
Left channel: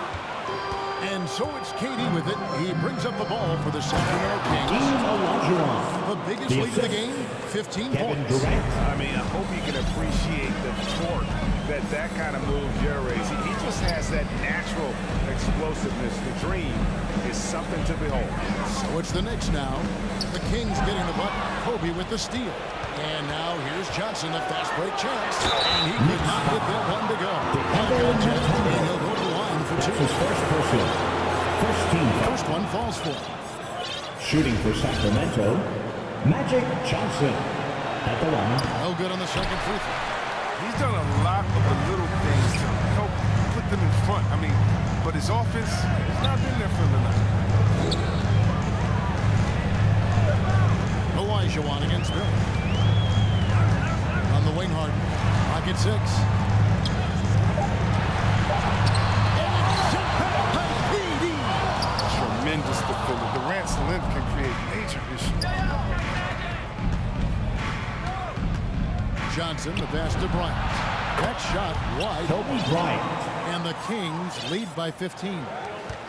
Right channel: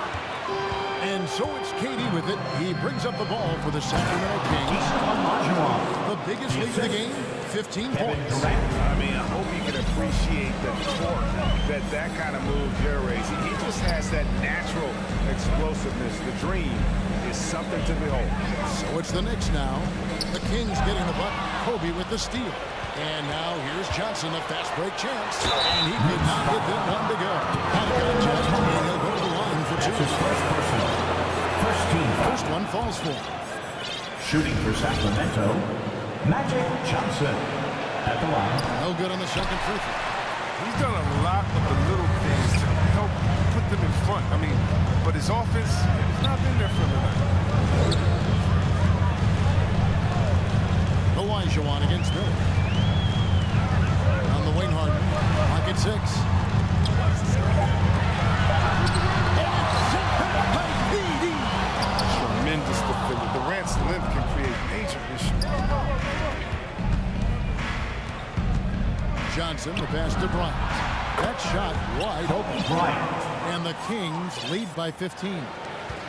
And so it's KD with it. He brings up the ball for the Sacramento Kings. Olajuwon. The biggest lead of the game, 15 points. I mean, I hope you can appreciate the torque that kind of move generates. He just has that natural explosiveness. The dream is something to behold. So it's the Knicks now. The Kings getting the bucket. Kobe with the steal. And now here's Johnson, a fast break chance. And he could not get that one to go. And he'll go to the line for two. His first personal. First team. First one falls for him. Shooting for Sacramento, Magic Johnson at the line. No good on the second free throw. He's done a lot of the little things to help put them in front. I mean, but his offense has not been there for the night. Olajuwon against Miller. On the wing, Harden. Pocket 6. And it's sent back by PD. Tremendous defender. Durant's length can create major issues. Johnson, the pass to Bryant. That shot wide open. Bryant. And the Kings lead by 15.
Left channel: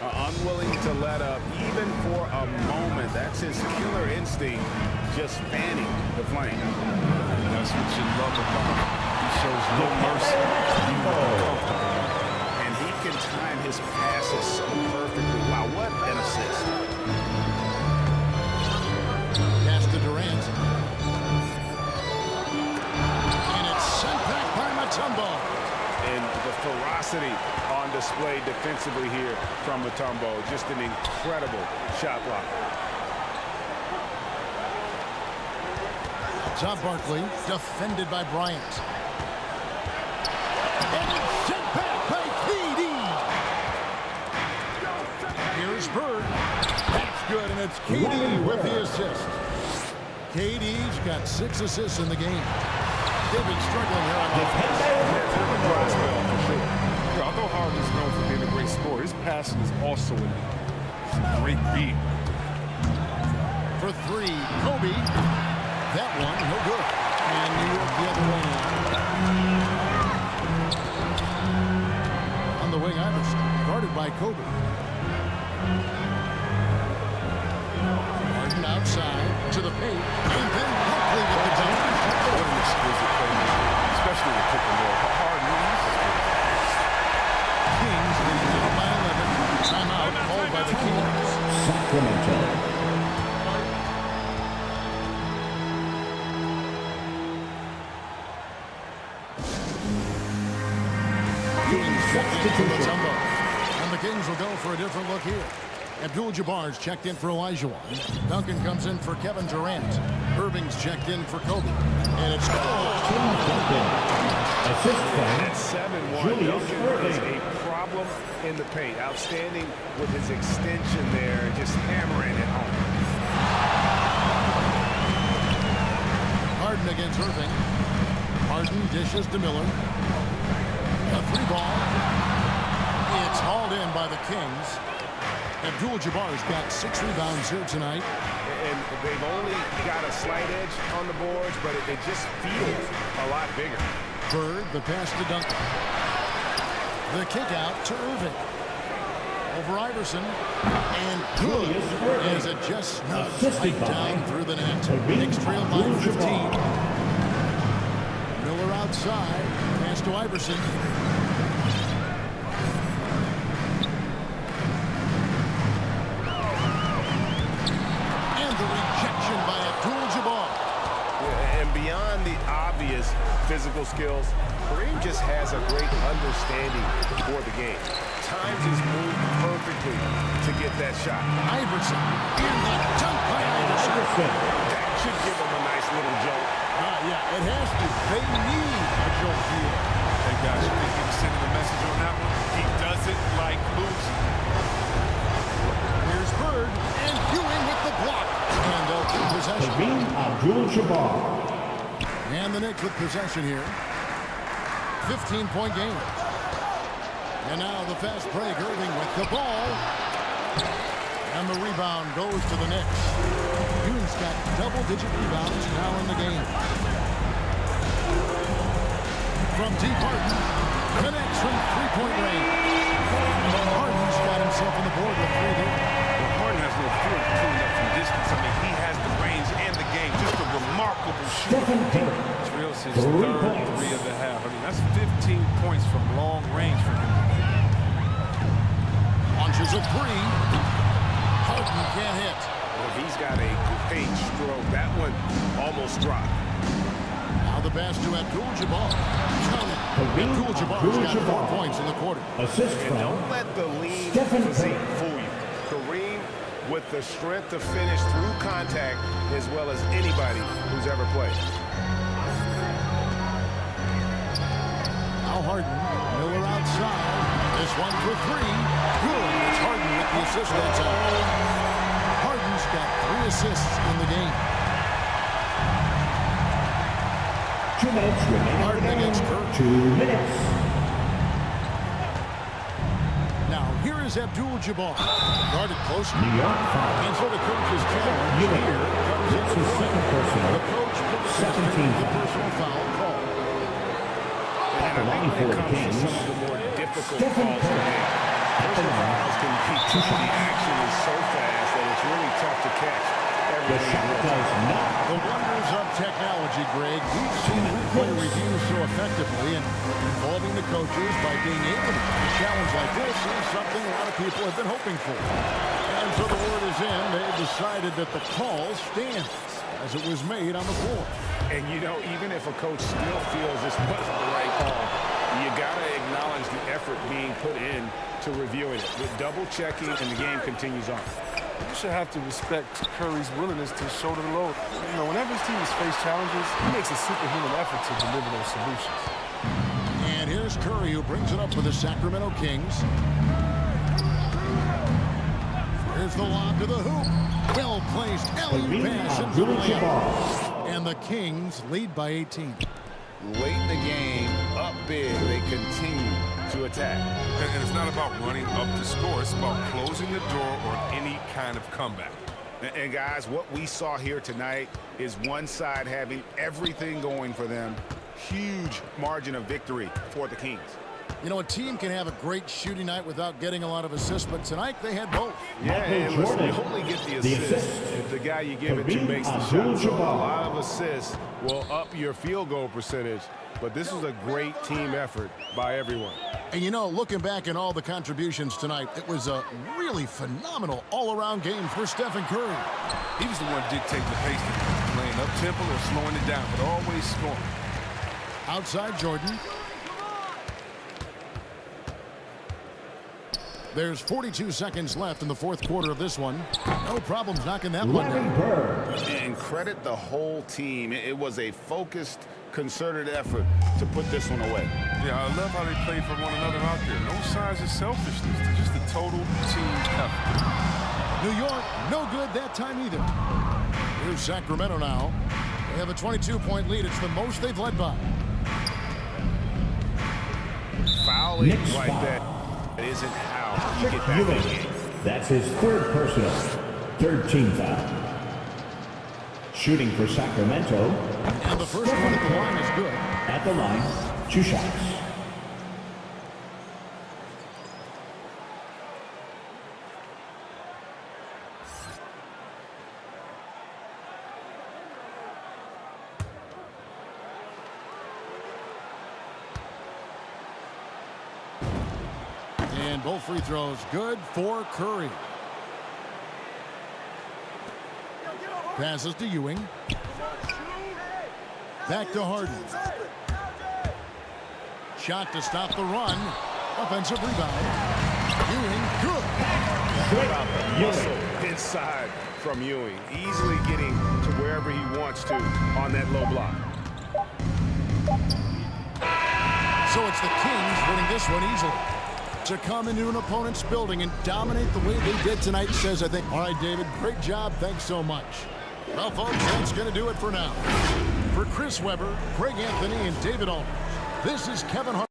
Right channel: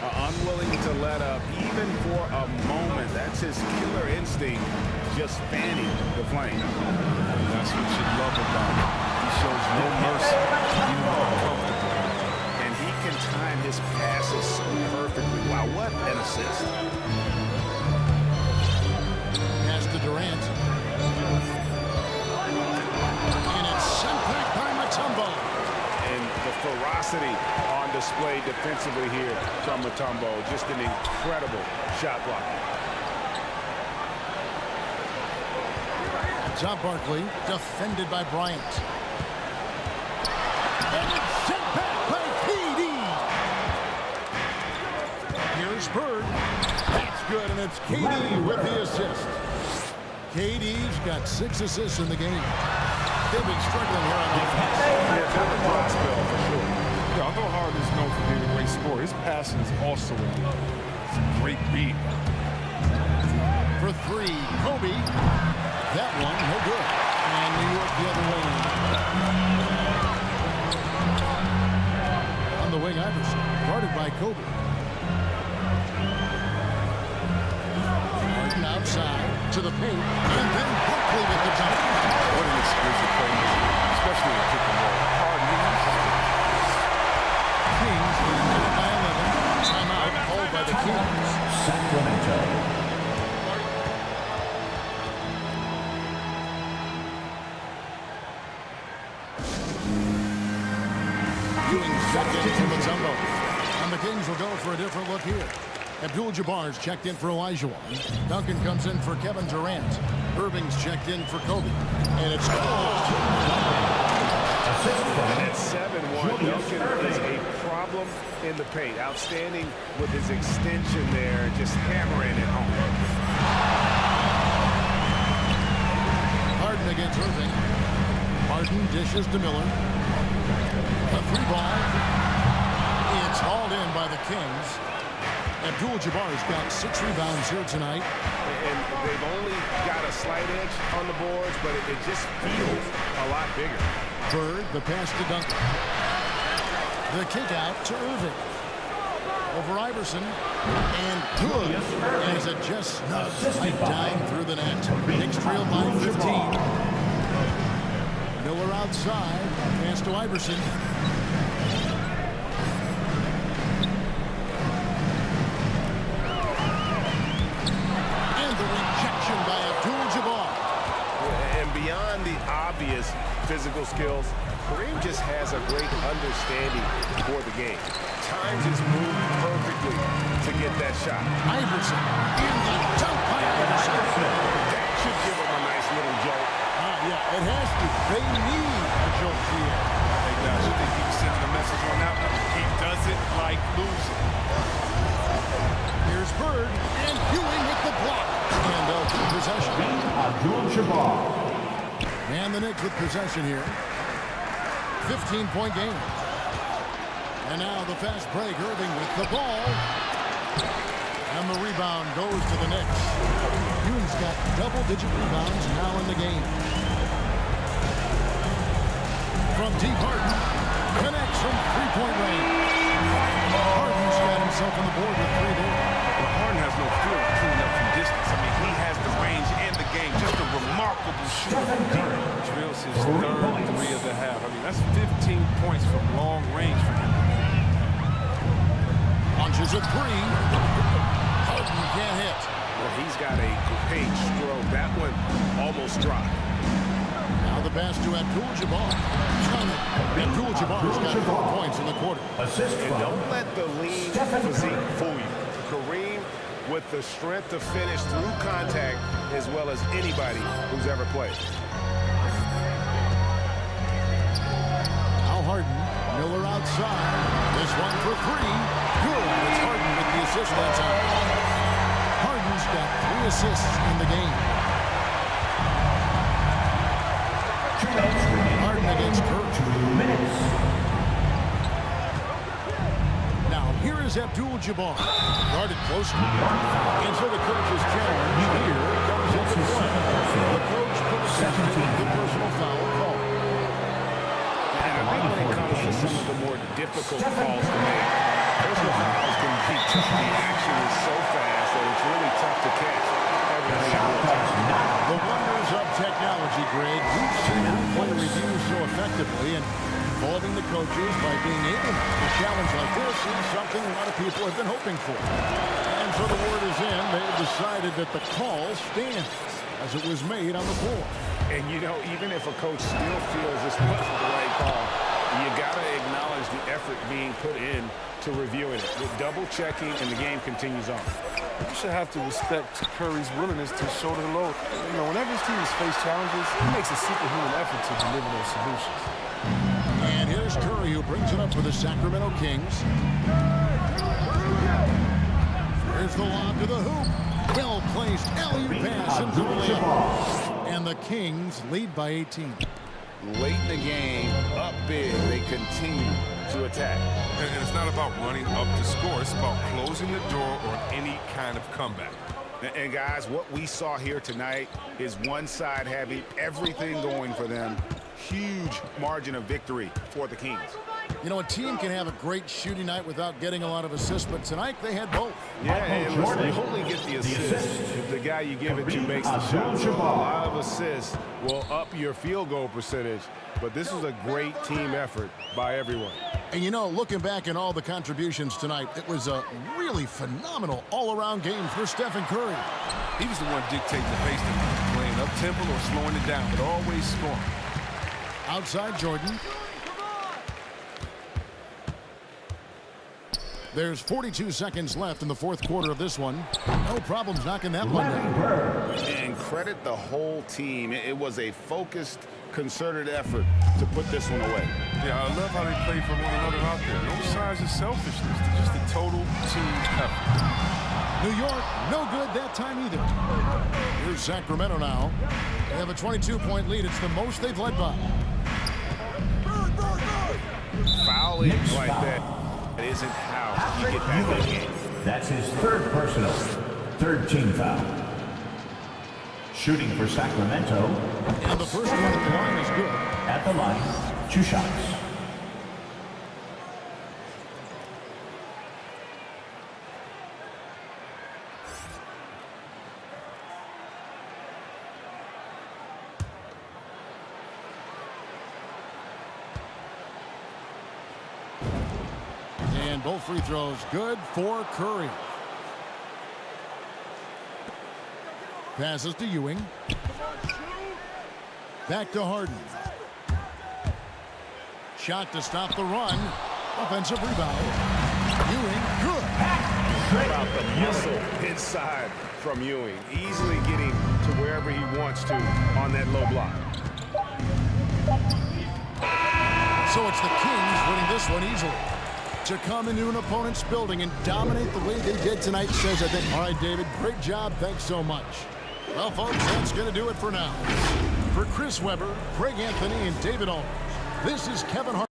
Unwilling to let up even for a moment. That's his killer instinct, just fanning the flame. And that's what you love about him. He shows no mercy, even when uncomfortable. And he can time his passes so perfectly. Wow, what an assist. Pass to Durant. And it's sent back by Mutombo. And the ferocity on display defensively here from Mutombo. Just an incredible shot block. Top Barkley, defended by Bryant. And it's sent back by PD. Here's Bird. That's good, and it's KD with the assist. KD's got 6 assists in the game. They've been struggling here on offense. Yeah, bit of a dry spell for sure. Yeah, although Harden is known for being a great scorer, his passing is also in there. It's a great read. For 3, Kobe. That one, no good. And New York the other way now. On the wing, Iverson, guarded by Kobe. Harden outside to the paint, and then Barkley with the dunk. What an exquisite playmaker, especially in the pick and roll. Harden uses it. Kings leading now by 11. Timeout called by the Kings. Sacramento. Ewing's checked in for Mutombo. And the Kings will go for a different look here. Abdul-Jabbar's checked in for Olajuwon. Duncan comes in for Kevin Durant. Irving's checked in for Kobe. And it's Assist from At 7-1, Duncan is a problem in the paint. Outstanding with his extension there, just hammering it home. Harden against Irving. Harden dishes to Miller. A 3-ball. It's hauled in by the Kings. Abdul-Jabbar's got 6 rebounds here tonight. And they've only got a slight edge on the boards, but it just feels a lot bigger. Bird, the pass to Duncan. The kick out to Irving. Over Iverson. And good. As it just snugs right down through the net. Knicks trail by 15. Miller outside. Pass to Iverson. And the rejection by Abdul-Jabbar. Yeah, and beyond the obvious physical skills, Kareem just has a great understanding for the game. Time just moved perfectly to get that shot. Iverson. And the dunk by Iverson. That should give him a nice little jolt. Yeah, it has to. They need a jolt here. Hey, guys, you think he was sending a message on that one? He doesn't like losing. Here's Bird, and Ewing with the block. And they'll keep possession. Abdul-Jabbar. And the Knicks with possession here. 15-point game. And now the fast break. Irving with the ball. And the rebound goes to the Knicks. Ewing's got double-digit rebounds now in the game. From deep, Harden connects from three-point range. Harden's got himself on the board with three there. Well, Harden has no fear of pulling up from distance. I mean, he has the range and the game. Just a remarkable shooter from deep. Drills his third three of the half. I mean, that's 15 points from long range for him. Launches a three. Harden can't hit. Well, he's got a great stroke. That one almost dropped. Now the pass to Abdul-Jabbar. Abdul-Jabbar's got 4 points in the quarter. Assist And from don't let the lean physique fool you. Kareem with the strength to finish through contact as well as anybody who's ever played. Now Harden. Miller outside. This one for three. Good. It's Harden with the assist that time. Harden's got 3 assists in the game. 2 minutes remaining. Harden against Curry. 2 minutes. Now here is Abdul-Jabbar. Guarded close. New York foul. And so the coach's challenge here comes into play. The coach protesting the personal foul call. And I think when it comes to some of the more difficult calls to make, personal fouls can be tough. The action is so fast that it's really tough to catch everything in real time. The wonders of technology, Greg. We've seen replay reviews so effectively, and involving the coaches by being able to a challenge like this is something a lot of people have been hoping for. And so the word is in. They've decided that the call stands as it was made on the floor. And, you know, even if a coach still feels this wasn't the right call, you got to acknowledge the effort being put in to reviewing it. With double-checking, and the game continues on. You should have to respect Curry's willingness to shoulder the load. You know, whenever his team has faced challenges, he makes a superhuman effort to deliver those solutions. And here's Curry, who brings it up for the Sacramento Kings. Here's the lob to the hoop. Well-placed alley-oop pass into the layup. And the Kings lead by 18. Late in the game, up big, they continue to attack. And it's not about running up to score. It's about closing the door on any kind of comeback. And guys, what we saw here tonight is one side having everything going for them. Huge margin of victory for the Kings. You know, a team can have a great shooting night without getting a lot of assists, but tonight they had both. Yeah, and listen, you only get the assist if the guy you give it to makes the shot. So a lot of assists will up your field goal percentage, but this was a great team effort by everyone. And you know, looking back at all the contributions tonight, it was a really phenomenal all-around game for Stephen Curry. He was the one dictating the pace tonight, playing up-tempo or slowing it down, but always scoring. Outside Jordan. There's 42 seconds left in the fourth quarter of this one. No problems knocking that one down. And credit the whole team. It was a focused, concerted effort to put this one away. Yeah, I love how they play for one another out there. No signs of selfishness. It's just a total team effort. New York, no good that time either. Here's Sacramento now. They have a 22-point lead. It's the most they've led by. Fouling like that isn't how you get back in the game. That's his third personal, third team foul. Shooting for Sacramento. And the first one at the line is good. At the line, 2 shots. And both free throws good for Curry. Passes to Ewing. Back to Harden. Shot to stop the run. Offensive rebound. Ewing, good. How about the muscle inside from Ewing? Easily getting to wherever he wants to on that low block. So it's the Kings winning this one easily. To come into an opponent's building and dominate the way they did tonight says, I think, all right, David, great job. Thanks so much. Well, folks, that's going to do it for now. For Chris Webber, Craig Anthony, and David Aldridge, this is Kevin Hart.